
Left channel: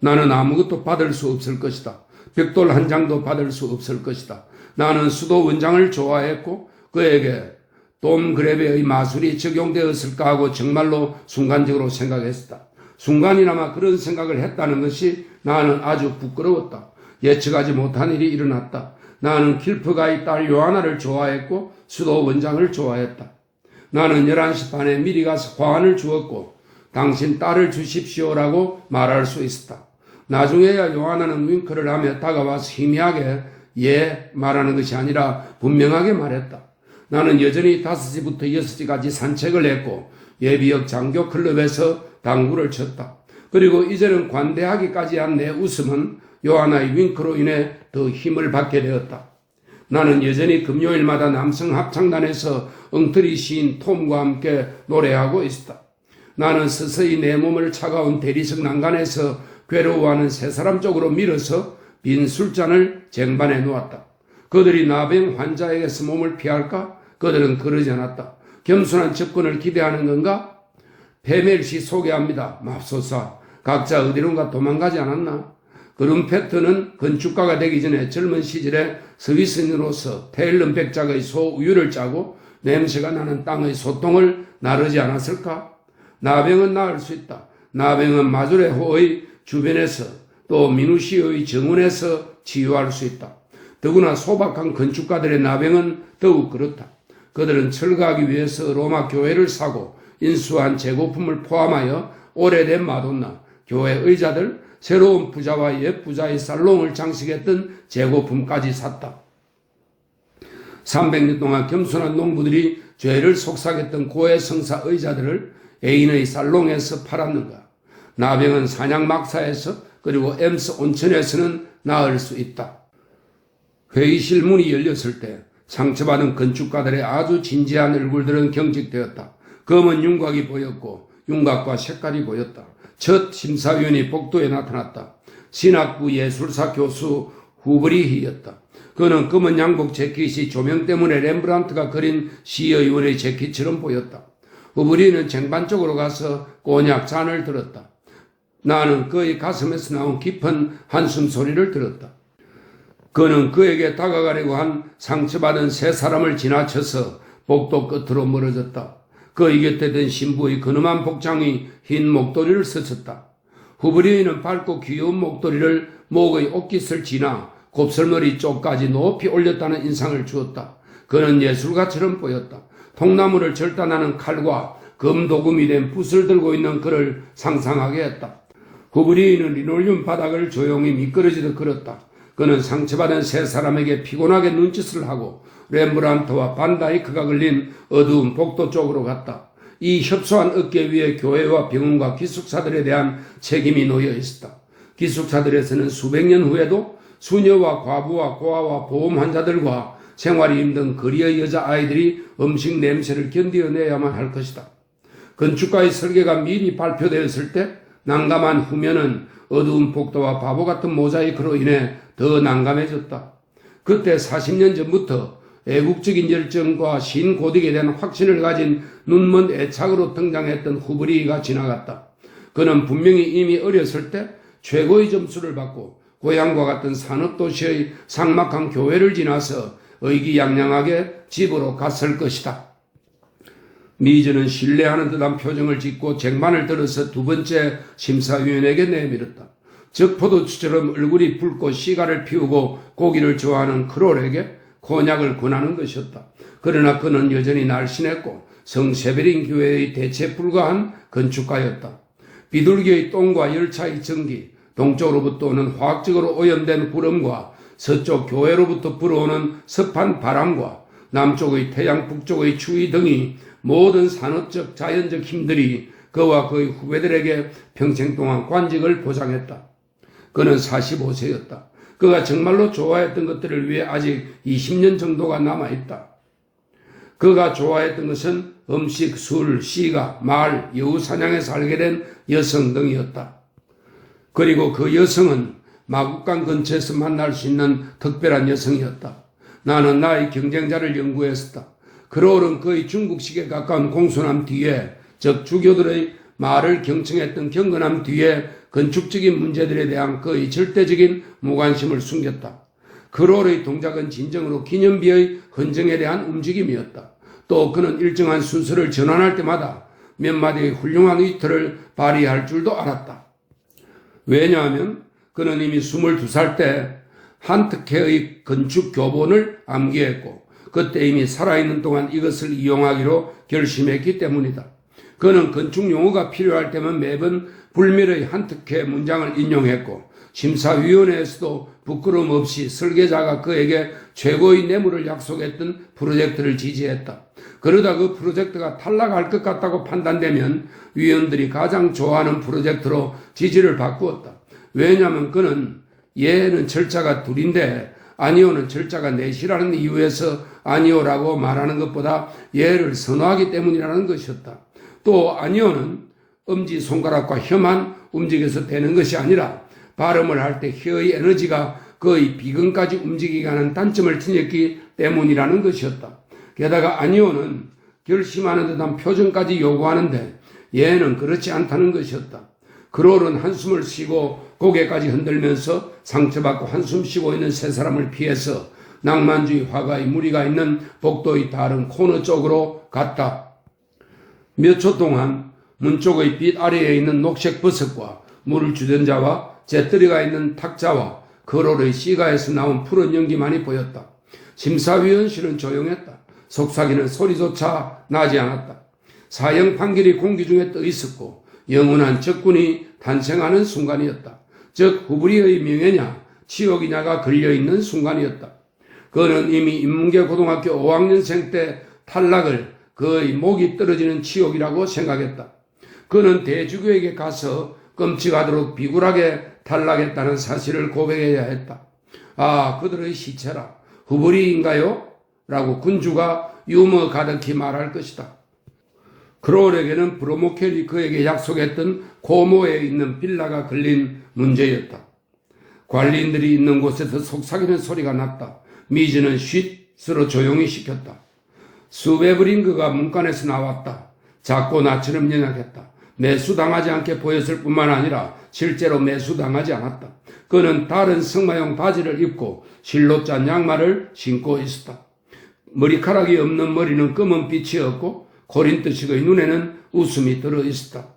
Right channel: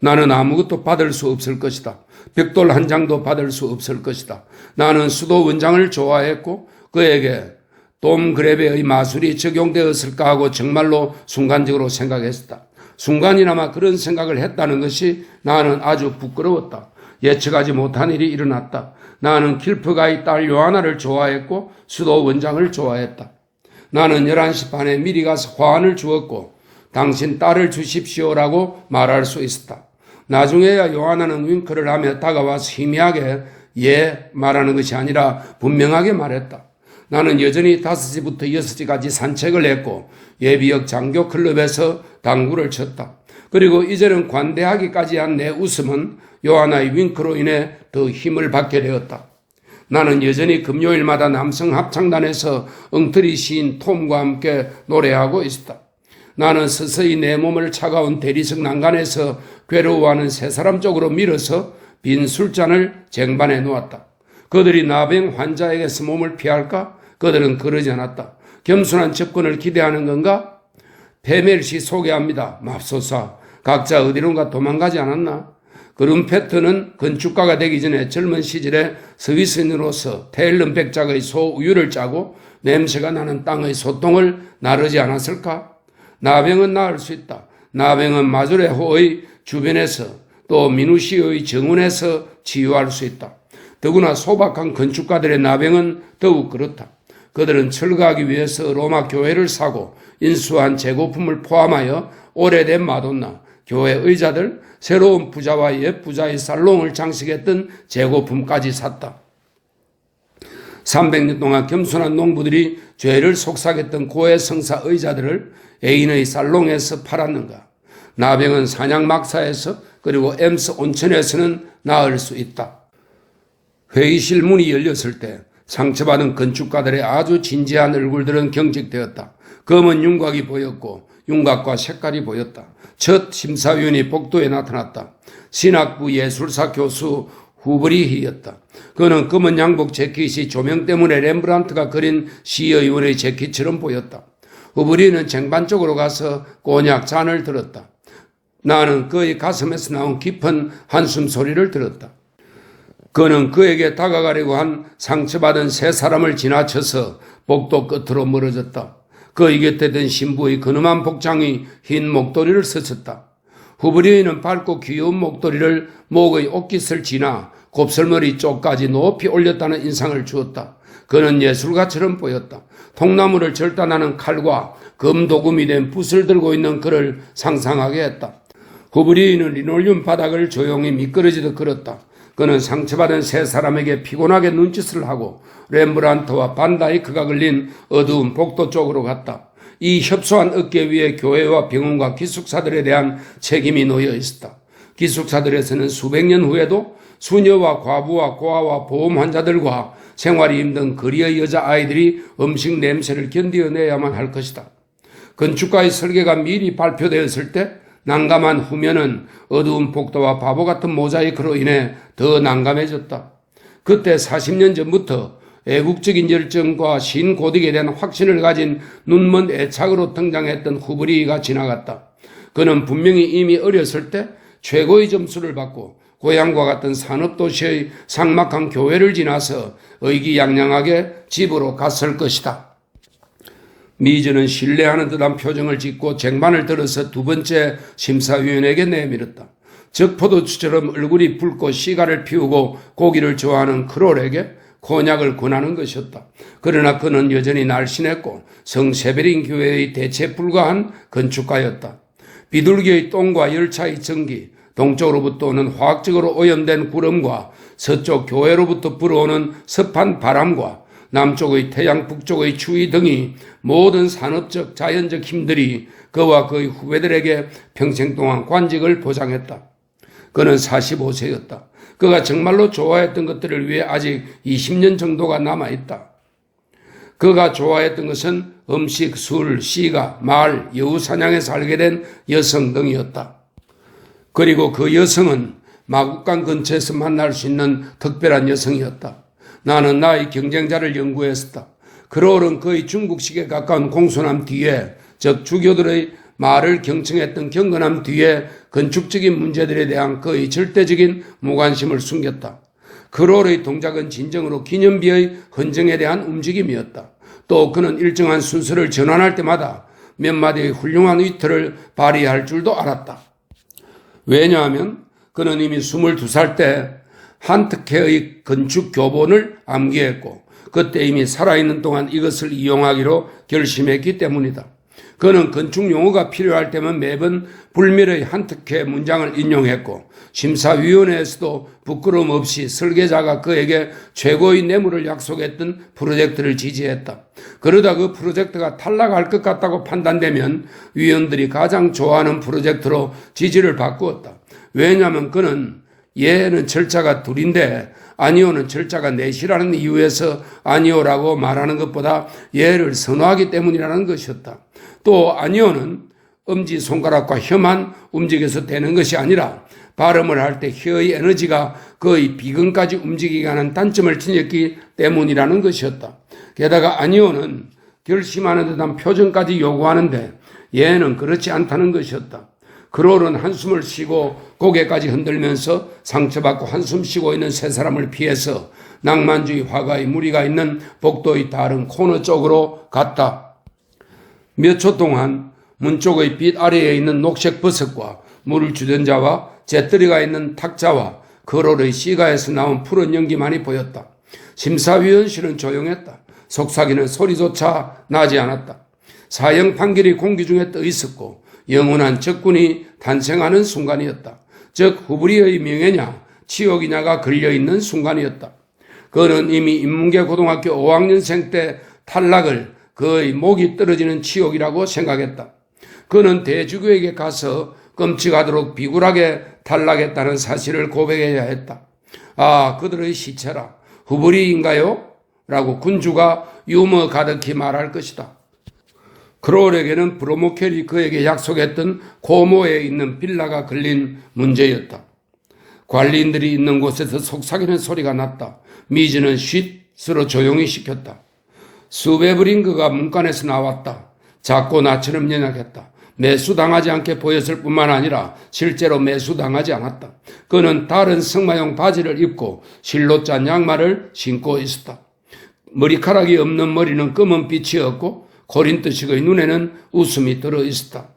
나는 아무것도 받을 수 없을 것이다. 벽돌 한 장도 받을 수 없을 것이다. 나는 수도 원장을 좋아했고 그에게 돔 그레베의 마술이 적용되었을까 하고 정말로 순간적으로 생각했었다. 순간이나마 그런 생각을 했다는 것이 나는 아주 부끄러웠다. 예측하지 못한 일이 일어났다. 나는 킬프가의 딸 요하나를 좋아했고 수도 원장을 좋아했다. 나는 11시 반에 미리 가서 화환을 주었고 당신 딸을 주십시오라고 말할 수 있었다. 나중에야 요하나는 윙크를 하며 다가와서 희미하게 예 말하는 것이 아니라 분명하게 말했다. 나는 여전히 5시부터 6시까지 산책을 했고 예비역 장교 클럽에서 당구를 쳤다. 그리고 이제는 관대하기까지 한 내 웃음은 요하나의 윙크로 인해 더 힘을 받게 되었다. 나는 여전히 금요일마다 남성 합창단에서 엉터리 시인 톰과 함께 노래하고 있었다. 나는 서서히 내 몸을 차가운 대리석 난간에서 괴로워하는 세 사람 쪽으로 밀어서 빈 술잔을 쟁반에 놓았다. 그들이 나병 환자에게서 몸을 피할까? 그들은 그러지 않았다. 겸손한 접근을 기대하는 건가? 페멜시 소개합니다. 맙소사. 각자 어디론가 도망가지 않았나? 그룬페트는 건축가가 되기 전에 젊은 시절에 스위스인으로서 테일런 백작의 소우유를 짜고 냄새가 나는 땅의 소똥을 나르지 않았을까? 나병은 나을 수 있다. 나병은 마조레호의 주변에서 또 미누시오의 정원에서 치유할 수 있다. 더구나 소박한 건축가들의 나병은 더욱 그렇다. 그들은 철거하기 위해서 로마 교회를 사고 인수한 재고품을 포함하여 오래된 마돈나, 교회 의자들, 새로운 부자와 옛 부자의 살롱을 장식했던 재고품까지 샀다. 300년 동안 겸손한 농부들이 죄를 속삭였던 고해 성사 의자들을 애인의 살롱에서 팔았는가? 나병은 사냥 막사에서 그리고 엠스 온천에서는 나을 수 있다. 회의실 문이 열렸을 때 상처받은 건축가들의 아주 진지한 얼굴들은 경직되었다. 검은 윤곽이 보였고 윤곽과 색깔이 보였다. 첫 심사위원이 복도에 나타났다. 신학부 예술사 교수 후브리히였다. 그는 검은 양복 재킷이 조명 때문에 렘브란트가 그린 시의원의 재킷처럼 보였다. 후브리는 쟁반 쪽으로 가서 꼬냑 잔을 들었다. 나는 그의 가슴에서 나온 깊은 한숨 소리를 들었다. 그는 그에게 다가가려고 한 상처받은 세 사람을 지나쳐서 복도 끝으로 멀어졌다. 그의 곁에 든 신부의 근엄한 복장이 흰 목도리를 스쳤다. 후브리는 밝고 귀여운 목도리를 목의 옷깃을 지나 곱슬머리 쪽까지 높이 올렸다는 인상을 주었다. 그는 예술가처럼 보였다. 통나무를 절단하는 칼과 금도금이 된 붓을 들고 있는 그를 상상하게 했다. 후브리는 리놀륨 바닥을 조용히 미끄러지듯 걸었다. 그는 상처받은 세 사람에게 피곤하게 눈짓을 하고 렘브란트와 반다이크가 걸린 어두운 복도 쪽으로 갔다. 이 협소한 어깨 위에 교회와 병원과 기숙사들에 대한 책임이 놓여 있었다. 기숙사들에서는 수백 년 후에도 수녀와 과부와 고아와 보험 환자들과 생활이 힘든 거리의 여자아이들이 음식 냄새를 견디어내야만 할 것이다. 건축가의 설계가 미리 발표되었을 때 난감한 후면은 어두운 복도와 바보 같은 모자이크로 인해 더 난감해졌다. 그때 40년 전부터 애국적인 열정과 신고딕에 대한 확신을 가진 눈먼 애착으로 등장했던 후브리가 지나갔다. 그는 분명히 이미 어렸을 때 최고의 점수를 받고 고향과 같은 산업도시의 삭막한 교회를 지나서 의기양양하게 집으로 갔을 것이다. 미즈는 신뢰하는 듯한 표정을 짓고 쟁반을 들어서 두 번째 심사위원에게 내밀었다. 적포도주처럼 얼굴이 붉고 시가를 피우고 고기를 좋아하는 크롤에게 코냑을 권하는 것이었다. 그러나 그는 여전히 날씬했고 성세베린 교회의 대체 불가한 건축가였다. 비둘기의 똥과 열차의 전기, 동쪽으로부터 오는 화학적으로 오염된 구름과 서쪽 교회로부터 불어오는 습한 바람과 남쪽의 태양, 북쪽의 추위 등이 모든 산업적, 자연적 힘들이 그와 그의 후배들에게 평생 동안 관직을 보장했다. 그는 45세였다. 그가 정말로 좋아했던 것들을 위해 아직 20년 정도가 남아있다. 그가 좋아했던 것은 음식, 술, 시가, 말, 여우 사냥에서 알게 된 여성 등이었다. 그리고 그 여성은 마국간 근처에서 만날 수 있는 특별한 여성이었다. 나는 나의 경쟁자를 연구했었다. 크롤은 그의 중국식에 가까운 공손함 뒤에, 즉 주교들의 말을 경청했던 경건함 뒤에 건축적인 문제들에 대한 그의 절대적인 무관심을 숨겼다. 크롤의 동작은 진정으로 기념비의 헌정에 대한 움직임이었다. 또 그는 일정한 순서를 전환할 때마다 몇 마디의 훌륭한 위트를 발휘할 줄도 알았다. 왜냐하면 그는 이미 22살 때 한특회의 건축 교본을 암기했고 그때 이미 살아있는 동안 이것을 이용하기로 결심했기 때문이다. 그는 건축 용어가 필요할 때면 매번 불멸의 한특회 문장을 인용했고 심사위원회에서도 부끄러움 없이 설계자가 그에게 최고의 뇌물을 약속했던 프로젝트를 지지했다. 그러다 그 프로젝트가 탈락할 것 같다고 판단되면 위원들이 가장 좋아하는 프로젝트로 지지를 바꾸었다. 왜냐하면 그는 얘는 절차가 둘인데 아니오는 절차가 넷이라는 이유에서 아니오라고 말하는 것보다 얘를 선호하기 때문이라는 것이었다. 또 아니오는 엄지손가락과 혀만 움직여서 되는 것이 아니라 발음을 할 때 혀의 에너지가 거의 비근까지 움직이게 하는 단점을 지녔기 때문이라는 것이었다. 게다가 아니오는 결심하는 듯한 표정까지 요구하는데 얘는 그렇지 않다는 것이었다. 크롤은 한숨을 쉬고 고개까지 흔들면서 상처받고 한숨 쉬고 있는 세 사람을 피해서 낭만주의 화가의 무리가 있는 복도의 다른 코너 쪽으로 갔다. 몇 초 동안 문 쪽의 빛 아래에 있는 녹색 버섯과 물을 주던 자와 잿더리가 있는 탁자와 거롤의 시가에서 나온 푸른 연기만이 보였다. 심사위원실은 조용했다. 속삭이는 소리조차 나지 않았다. 사형 판결이 공기 중에 떠 있었고 영원한 적군이 탄생하는 순간이었다. 즉 후브리의 명예냐 치욕이냐가 걸려있는 순간이었다. 그는 이미 인문계 고등학교 5학년생 때 탈락을 그의 목이 떨어지는 치욕이라고 생각했다. 그는 대주교에게 가서 끔찍하도록 비굴하게 탈락했다는 사실을 고백해야 했다. 아, 그들의 시체라. 후브리인가요? 라고 군주가 유머 가득히 말할 것이다. 크롤에게는 브로모켈이 그에게 약속했던 고모에 있는 빌라가 걸린 문제였다. 관리인들이 있는 곳에서 속삭이는 소리가 났다. 미즈는 쉿으로 조용히 시켰다. 수베브링그가 문간에서 나왔다. 작고 나처럼 연약했다. 매수당하지 않게 보였을 뿐만 아니라 실제로 매수당하지 않았다. 그는 다른 승마용 바지를 입고 실로 짠 양말을 신고 있었다. 머리카락이 없는 머리는 검은 빛이었고 코린트식의 눈에는 웃음이 들어 있었다.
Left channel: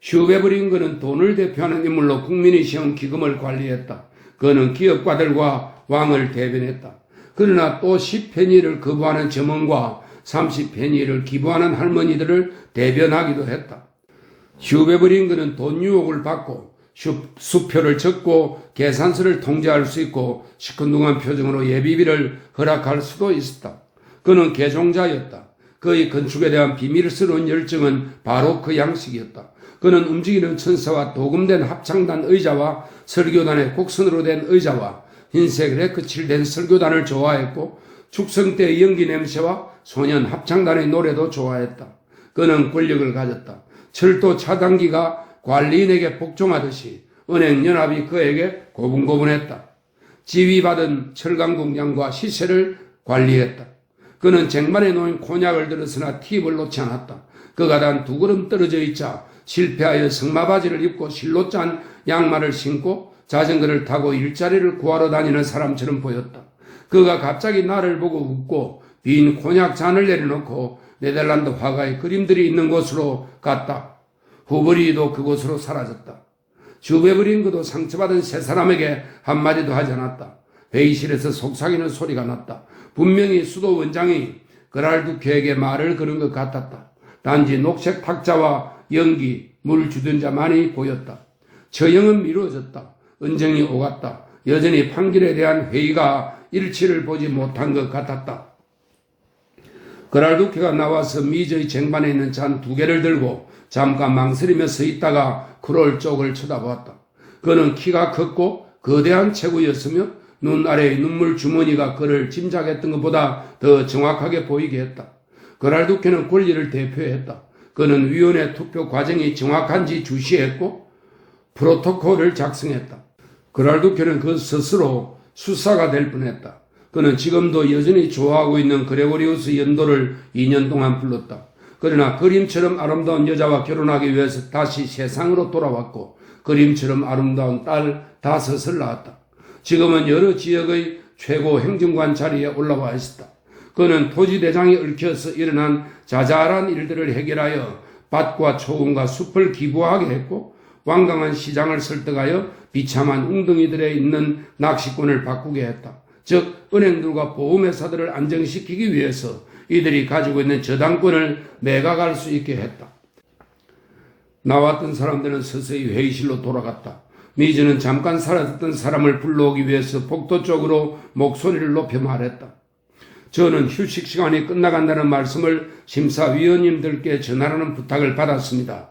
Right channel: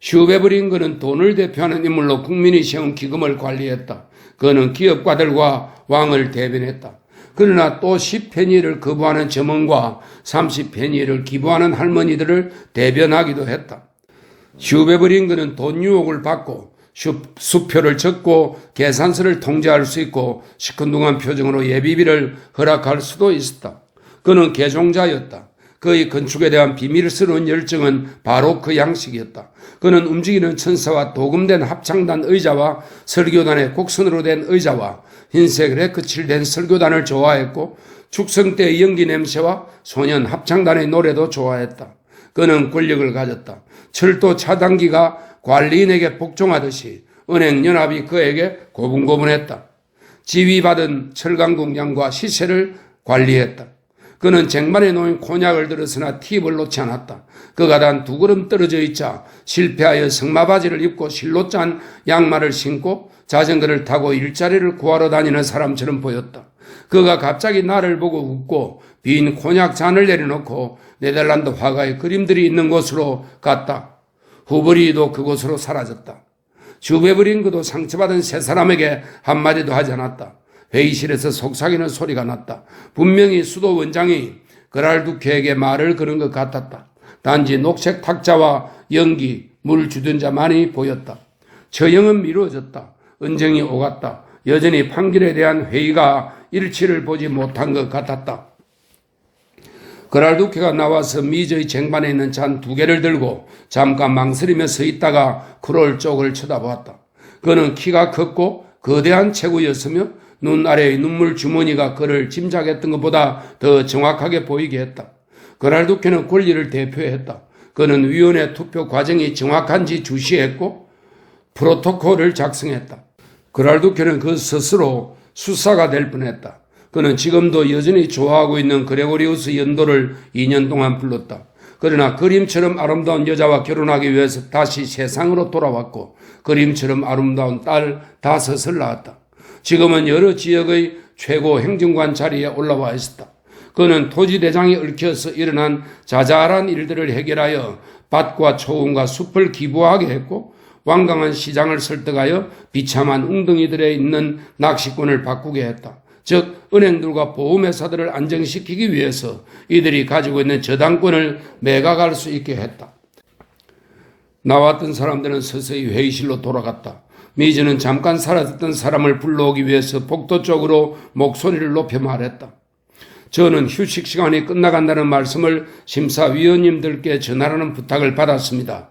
슈베브링그는 돈을 대표하는 인물로 국민이 세운 기금을 관리했다. 그는 기업가들과 왕을 대변했다. 그러나 또 10페니를 거부하는 점원과 30페니를 기부하는 할머니들을 대변하기도 했다. 슈베브링그는 돈 유혹을 받고 수표를 적고 계산서를 통제할 수 있고 시큰둥한 표정으로 예비비를 허락할 수도 있었다. 그는 개종자였다. 그의 건축에 대한 비밀스러운 열정은 바로 그 양식이었다. 그는 움직이는 천사와 도금된 합창단 의자와 설교단의 곡선으로 된 의자와 흰색 레크 칠된 설교단을 좋아했고 축성 때의 연기 냄새와 소년 합창단의 노래도 좋아했다. 그는 권력을 가졌다. 철도 차단기가 관리인에게 복종하듯이 은행연합이 그에게 고분고분했다. 지위받은 철강공장과 시세를 관리했다. 그는 쟁반에 놓인 곤약을 들었으나 팁을 놓지 않았다. 그가 단 2걸음 떨어져 있자 실패하여 승마바지를 입고 실로 짠 양말을 신고 자전거를 타고 일자리를 구하러 다니는 사람처럼 보였다. 그가 갑자기 나를 보고 웃고 빈 곤약 잔을 내려놓고 네덜란드 화가의 그림들이 있는 곳으로 갔다. 후브리도 그곳으로 사라졌다. 슈베브링그도 상처받은 세 사람에게 한마디도 하지 않았다. 회의실에서 속삭이는 소리가 났다. 분명히 수도 원장이 그랄두케에게 말을 거는 것 같았다. 단지 녹색 탁자와 연기, 물 주던 자만이 보였다. 처형은 미루어졌다. 은쟁이 오갔다. 여전히 판결에 대한 회의가 일치를 보지 못한 것 같았다. 그랄두케가 나와서 미저의 쟁반에 있는 잔 2개를 들고 잠깐 망설이며 서 있다가 크롤 쪽을 쳐다보았다. 그는 키가 컸고 거대한 체구였으며 눈 아래의 눈물 주머니가 그를 짐작했던 것보다 더 정확하게 보이게 했다. 그랄두케는 권리를 대표했다. 그는 위원회 투표 과정이 정확한지 주시했고 프로토콜을 작성했다. 그랄두케는 그 스스로 수사가 될 뻔했다. 그는 지금도 여전히 좋아하고 있는 그레고리우스 연도를 2년 동안 불렀다. 그러나 그림처럼 아름다운 여자와 결혼하기 위해서 다시 세상으로 돌아왔고 그림처럼 아름다운 딸 5을 낳았다. 지금은 여러 지역의 최고 행정관 자리에 올라와 있었다. 그는 토지대장이 얽혀서 일어난 자잘한 일들을 해결하여 밭과 초원과 숲을 기부하게 했고 완강한 시장을 설득하여 비참한 웅덩이들에 있는 낚시꾼을 바꾸게 했다. 즉 은행들과 보험회사들을 안정시키기 위해서 이들이 가지고 있는 저당권을 매각할 수 있게 했다. 나왔던 사람들은 서서히 회의실로 돌아갔다. 미즈는 잠깐 사라졌던 사람을 불러오기 위해서 복도 쪽으로 목소리를 높여 말했다. 저는 휴식 시간이 끝나간다는 말씀을 심사위원님들께 전하라는 부탁을 받았습니다.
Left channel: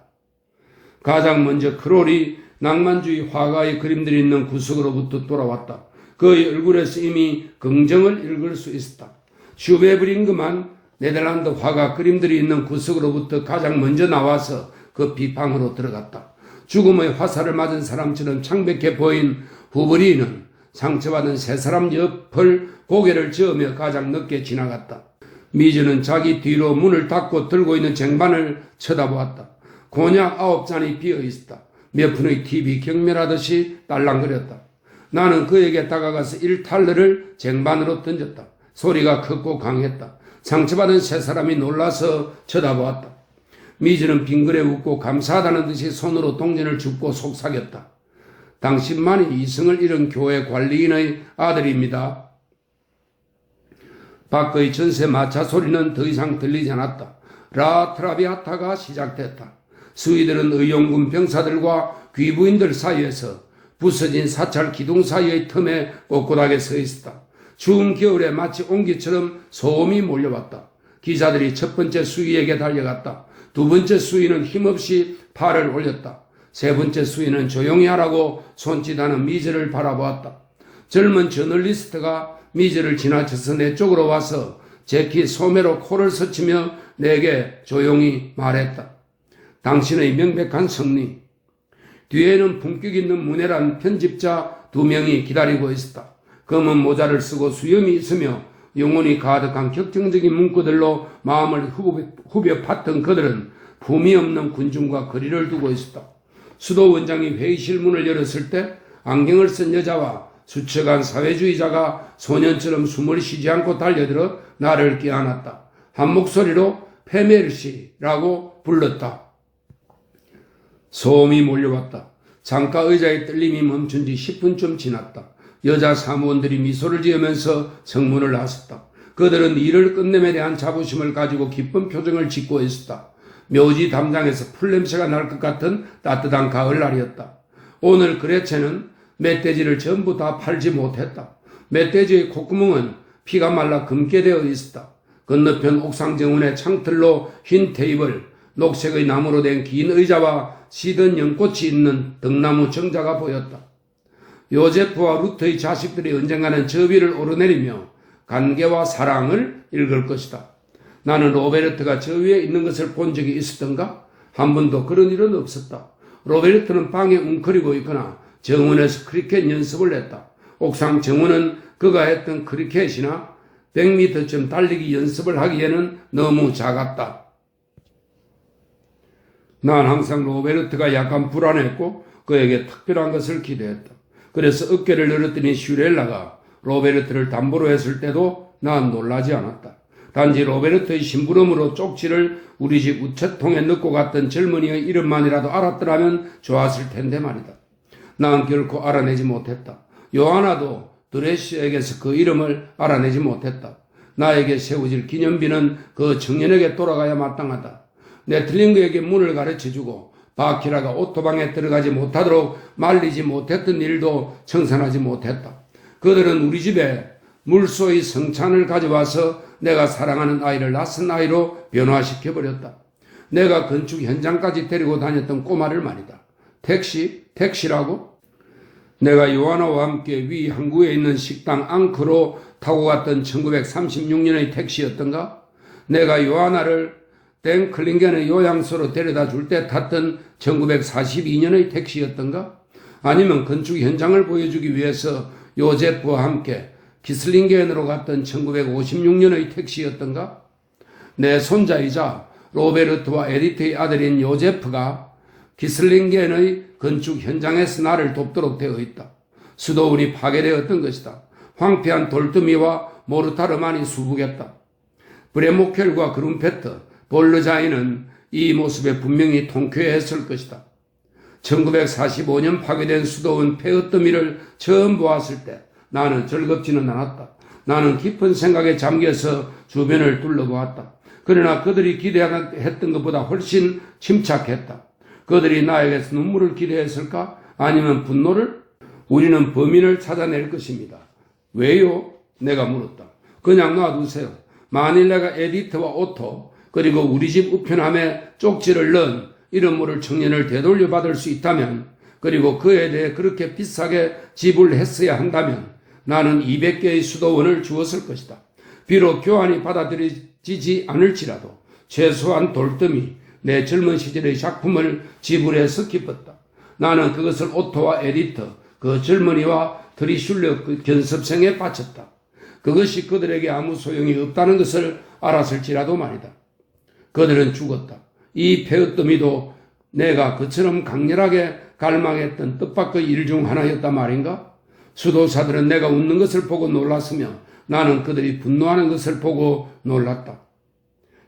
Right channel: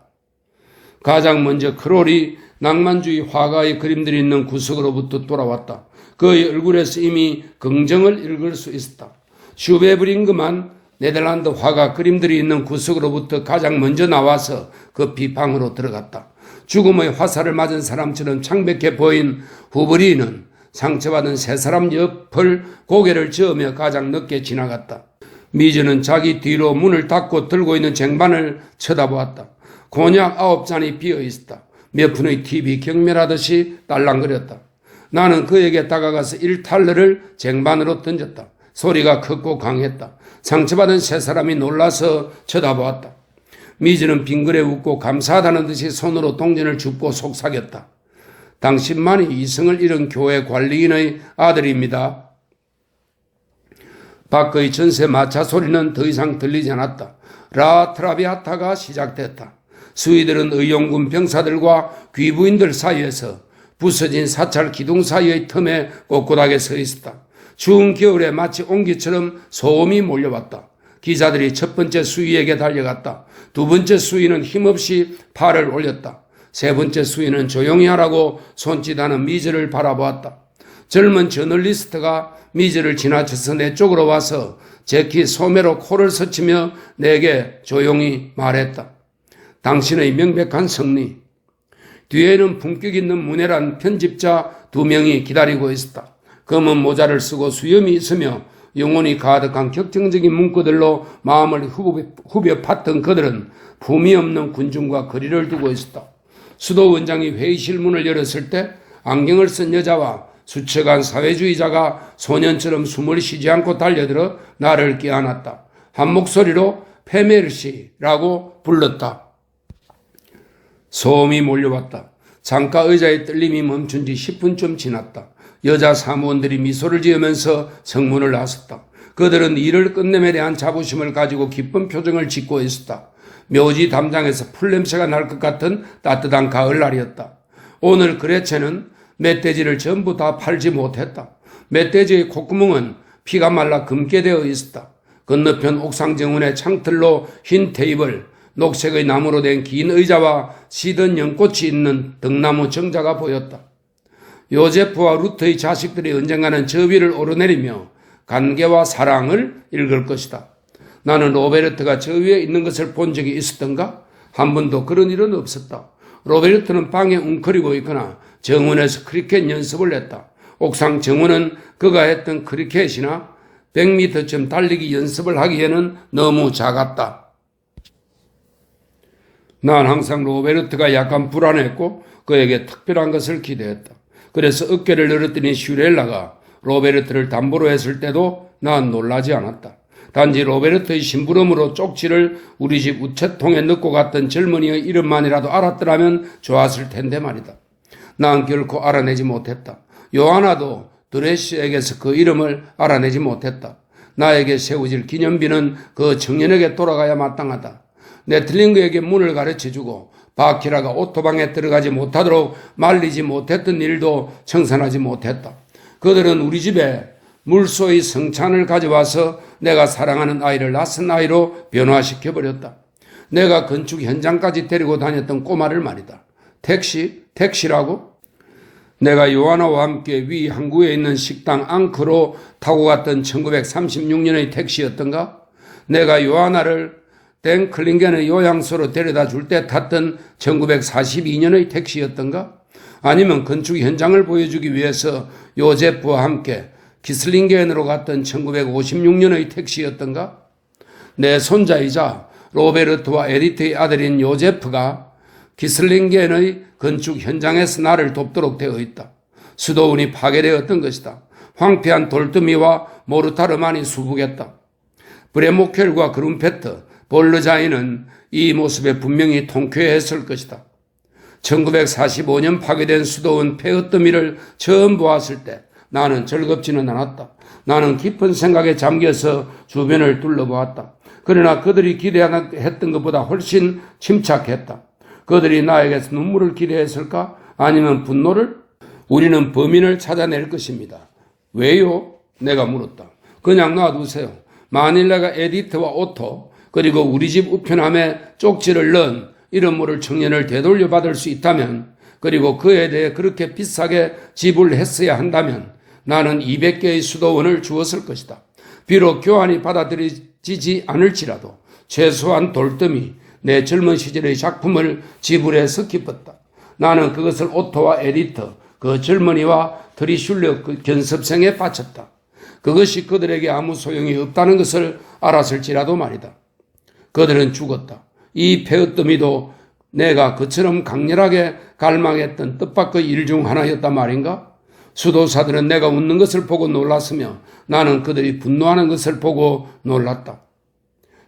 가장 먼저 크롤이 낭만주의 화가의 그림들이 있는 구석으로부터 돌아왔다. 그의 얼굴에서 이미 긍정을 읽을 수 있었다. 슈베브링그만 네덜란드 화가 그림들이 있는 구석으로부터 가장 먼저 나와서 그 비방으로 들어갔다. 죽음의 화살을 맞은 사람처럼 창백해 보인 후브리는 상처받은 세 사람 옆을 고개를 저으며 가장 늦게 지나갔다. 미즈는 자기 뒤로 문을 닫고 들고 있는 쟁반을 쳐다보았다. 곤약 9잔이 비어 있었다. 몇 푼의 팁이 경멸하듯이 딸랑거렸다. 나는 그에게 다가가서 1달러를 쟁반으로 던졌다. 소리가 컸고 강했다. 상처받은 세 사람이 놀라서 쳐다보았다. 미즈는 빙그레 웃고 감사하다는 듯이 손으로 동전을 줍고 속삭였다. 당신만이 이성을 잃은 교회 관리인의 아들입니다. 밖의 전세 마차 소리는 더 이상 들리지 않았다. 라 트라비아타가 시작됐다. 수위들은 의용군 병사들과 귀부인들 사이에서 부서진 사찰 기둥 사이의 틈에 꼿꼿하게 서 있었다. 추운 겨울에 마치 옹기처럼 소음이 몰려왔다. 기자들이 첫 번째 수위에게 달려갔다. 두 번째 수위는 힘없이 팔을 올렸다. 세 번째 수위는 조용히 하라고 손짓하는 미즈를 바라보았다. 젊은 저널리스트가 미즈를 지나쳐서 내 쪽으로 와서 제키 소매로 코를 스치며 내게 조용히 말했다. 당신의 명백한 승리. 뒤에는 품격 있는 문외란 편집자 2명이 기다리고 있었다. 검은 모자를 쓰고 수염이 있으며 영혼이 가득한 격정적인 문구들로 마음을 후벼 팠던 그들은 품이 없는 군중과 거리를 두고 있었다. 수도 원장이 회의실 문을 열었을 때 안경을 쓴 여자와 수척한 사회주의자가 소년처럼 숨을 쉬지 않고 달려들어 나를 껴안았다. 한 목소리로 페메르시라고 불렀다. 소음이 몰려왔다. 창가 의자의 떨림이 멈춘 지 10분쯤 지났다. 여자 사무원들이 미소를 지으면서 정문을 나섰다. 그들은 일을 끝냄에 대한 자부심을 가지고 기쁜 표정을 짓고 있었다. 묘지 담장에서 풀냄새가 날 것 같은 따뜻한 가을날이었다. 오늘 그레체는 멧돼지를 전부 다 팔지 못했다. 멧돼지의 콧구멍은 피가 말라 검게 되어 있었다. 건너편 옥상 정원의 창틀로 흰 테이블, 녹색의 나무로 된 긴 의자와 시든 연꽃이 있는 등나무 정자가 보였다. 요제프와 루트의 자식들이 언젠가는 저 위를 오르내리며 관계와 사랑을 읽을 것이다. 나는 로베르트가 저 위에 있는 것을 본 적이 있었던가? 한 번도 그런 일은 없었다. 로베르트는 방에 웅크리고 있거나 정원에서 크리켓 연습을 했다. 옥상 정원은 그가 했던 크리켓이나 100m쯤 달리기 연습을 하기에는 너무 작았다. 난 항상 로베르트가 약간 불안했고 그에게 특별한 것을 기대했다. 그래서 어깨를 늘었더니 슈렐라가 로베르트를 담보로 했을 때도 난 놀라지 않았다. 단지 로베르트의 심부름으로 쪽지를 우리 집 우체통에 넣고 갔던 젊은이의 이름만이라도 알았더라면 좋았을 텐데 말이다. 난 결코 알아내지 못했다. 요하나도 드레시에게서 그 이름을 알아내지 못했다. 나에게 세워질 기념비는 그 청년에게 돌아가야 마땅하다. 네틀링그에게 문을 가르쳐주고 바키라가 오토방에 들어가지 못하도록 말리지 못했던 일도 청산하지 못했다. 그들은 우리 집에 물소의 성찬을 가져와서 내가 사랑하는 아이를 낯선 아이로 변화시켜버렸다. 내가 건축 현장까지 데리고 다녔던 꼬마를 말이다. 택시라고? 내가 요하나와 함께 위 항구에 있는 식당 앙크로 타고 갔던 1936년의 택시였던가? 내가 요하나를 땡클링겐의 요양소로 데려다 줄 때 탔던 1942년의 택시였던가? 아니면 건축 현장을 보여주기 위해서 요제프와 함께 기슬링겐으로 갔던 1956년의 택시였던가? 내 손자이자 로베르트와 에디트의 아들인 요제프가 기슬링겐의 건축 현장에서 나를 돕도록 되어 있다. 수도원이 파괴되었던 것이다. 황폐한 돌더미와 모르타르만이 수북했다. 브레모켈과 그룬페트, 볼르자이는 이 모습에 분명히 통쾌했을 것이다. 1945년 파괴된 수도원 폐허더미를 처음 보았을 때 나는 즐겁지는 않았다. 나는 깊은 생각에 잠겨서 주변을 둘러보았다. 그러나 그들이 기대했던 것보다 훨씬 침착했다. 그들이 나에게서 눈물을 기대했을까? 아니면 분노를? 우리는 범인을 찾아낼 것입니다. 왜요? 내가 물었다. 그냥 놔두세요. 만일 내가 에디트와 오토 그리고 우리 집 우편함에 쪽지를 넣은 이름 모를 청년을 되돌려 받을 수 있다면 그리고 그에 대해 그렇게 비싸게 지불했어야 한다면 나는 200개의 수도원을 주었을 것이다. 비록 교환이 받아들여지지 않을지라도 최소한 돌더미 내 젊은 시절의 작품을 지불해서 기뻤다. 나는 그것을 오토와 에디터, 그 젊은이와 트리슐러 그 견습생에 바쳤다. 그것이 그들에게 아무 소용이 없다는 것을 알았을지라도 말이다. 그들은 죽었다. 이 폐허더미도 내가 그처럼 강렬하게 갈망했던 뜻밖의 일 중 하나였단 말인가? 수도사들은 내가 웃는 것을 보고 놀랐으며 나는 그들이 분노하는 것을 보고 놀랐다.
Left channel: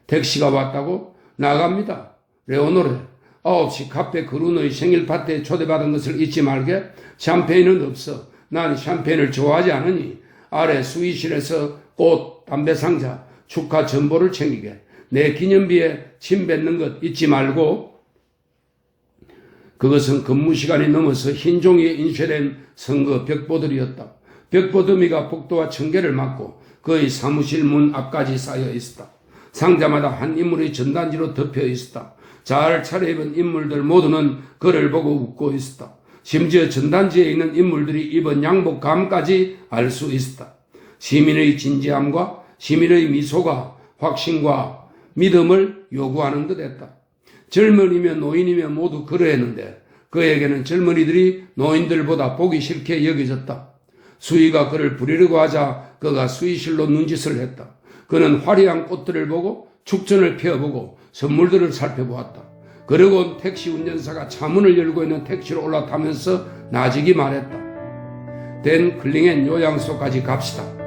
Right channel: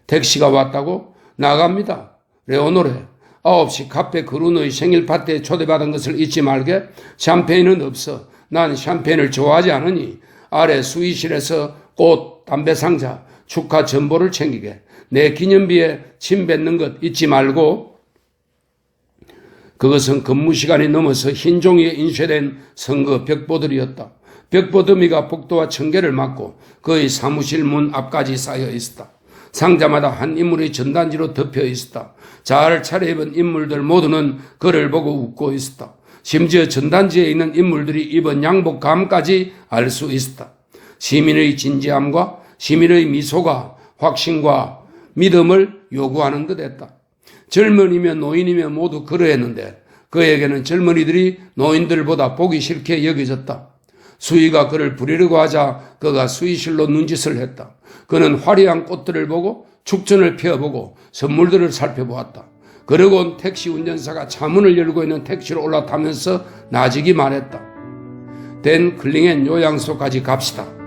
택시가 왔다고? 나갑니다. 레오노레, 9시 카페 그루노의 생일 파티에 초대받은 것을 잊지 말게. 샴페인은 없어. 난 샴페인을 좋아하지 않으니. 아래 수의실에서 꽃, 담배 상자, 축하 전보를 챙기게. 내 기념비에 침 뱉는 것 잊지 말고. 그것은 근무 시간이 넘어서 흰 종이에 인쇄된 선거 벽보들이었다. 벽보더미가 복도와 청계를 막고 그의 사무실 문 앞까지 쌓여 있었다. 상자마다 한 인물의 전단지로 덮여 있었다. 잘 차려입은 인물들 모두는 그를 보고 웃고 있었다. 심지어 전단지에 있는 인물들이 입은 양복감까지 알 수 있었다. 시민의 진지함과 시민의 미소가 확신과 믿음을 요구하는 듯했다. 젊은이며 노인이며 모두 그러했는데 그에게는 젊은이들이 노인들보다 보기 싫게 여겨졌다. 수의가 그를 부리려고 하자 그가 수의실로 눈짓을 했다. 그는 화려한 꽃들을 보고 축전을 펴보고 선물들을 살펴보았다. 그러곤 택시 운전사가 차문을 열고 있는 택시로 올라타면서 나직이 말했다. 댄 클링엔 요양소까지 갑시다.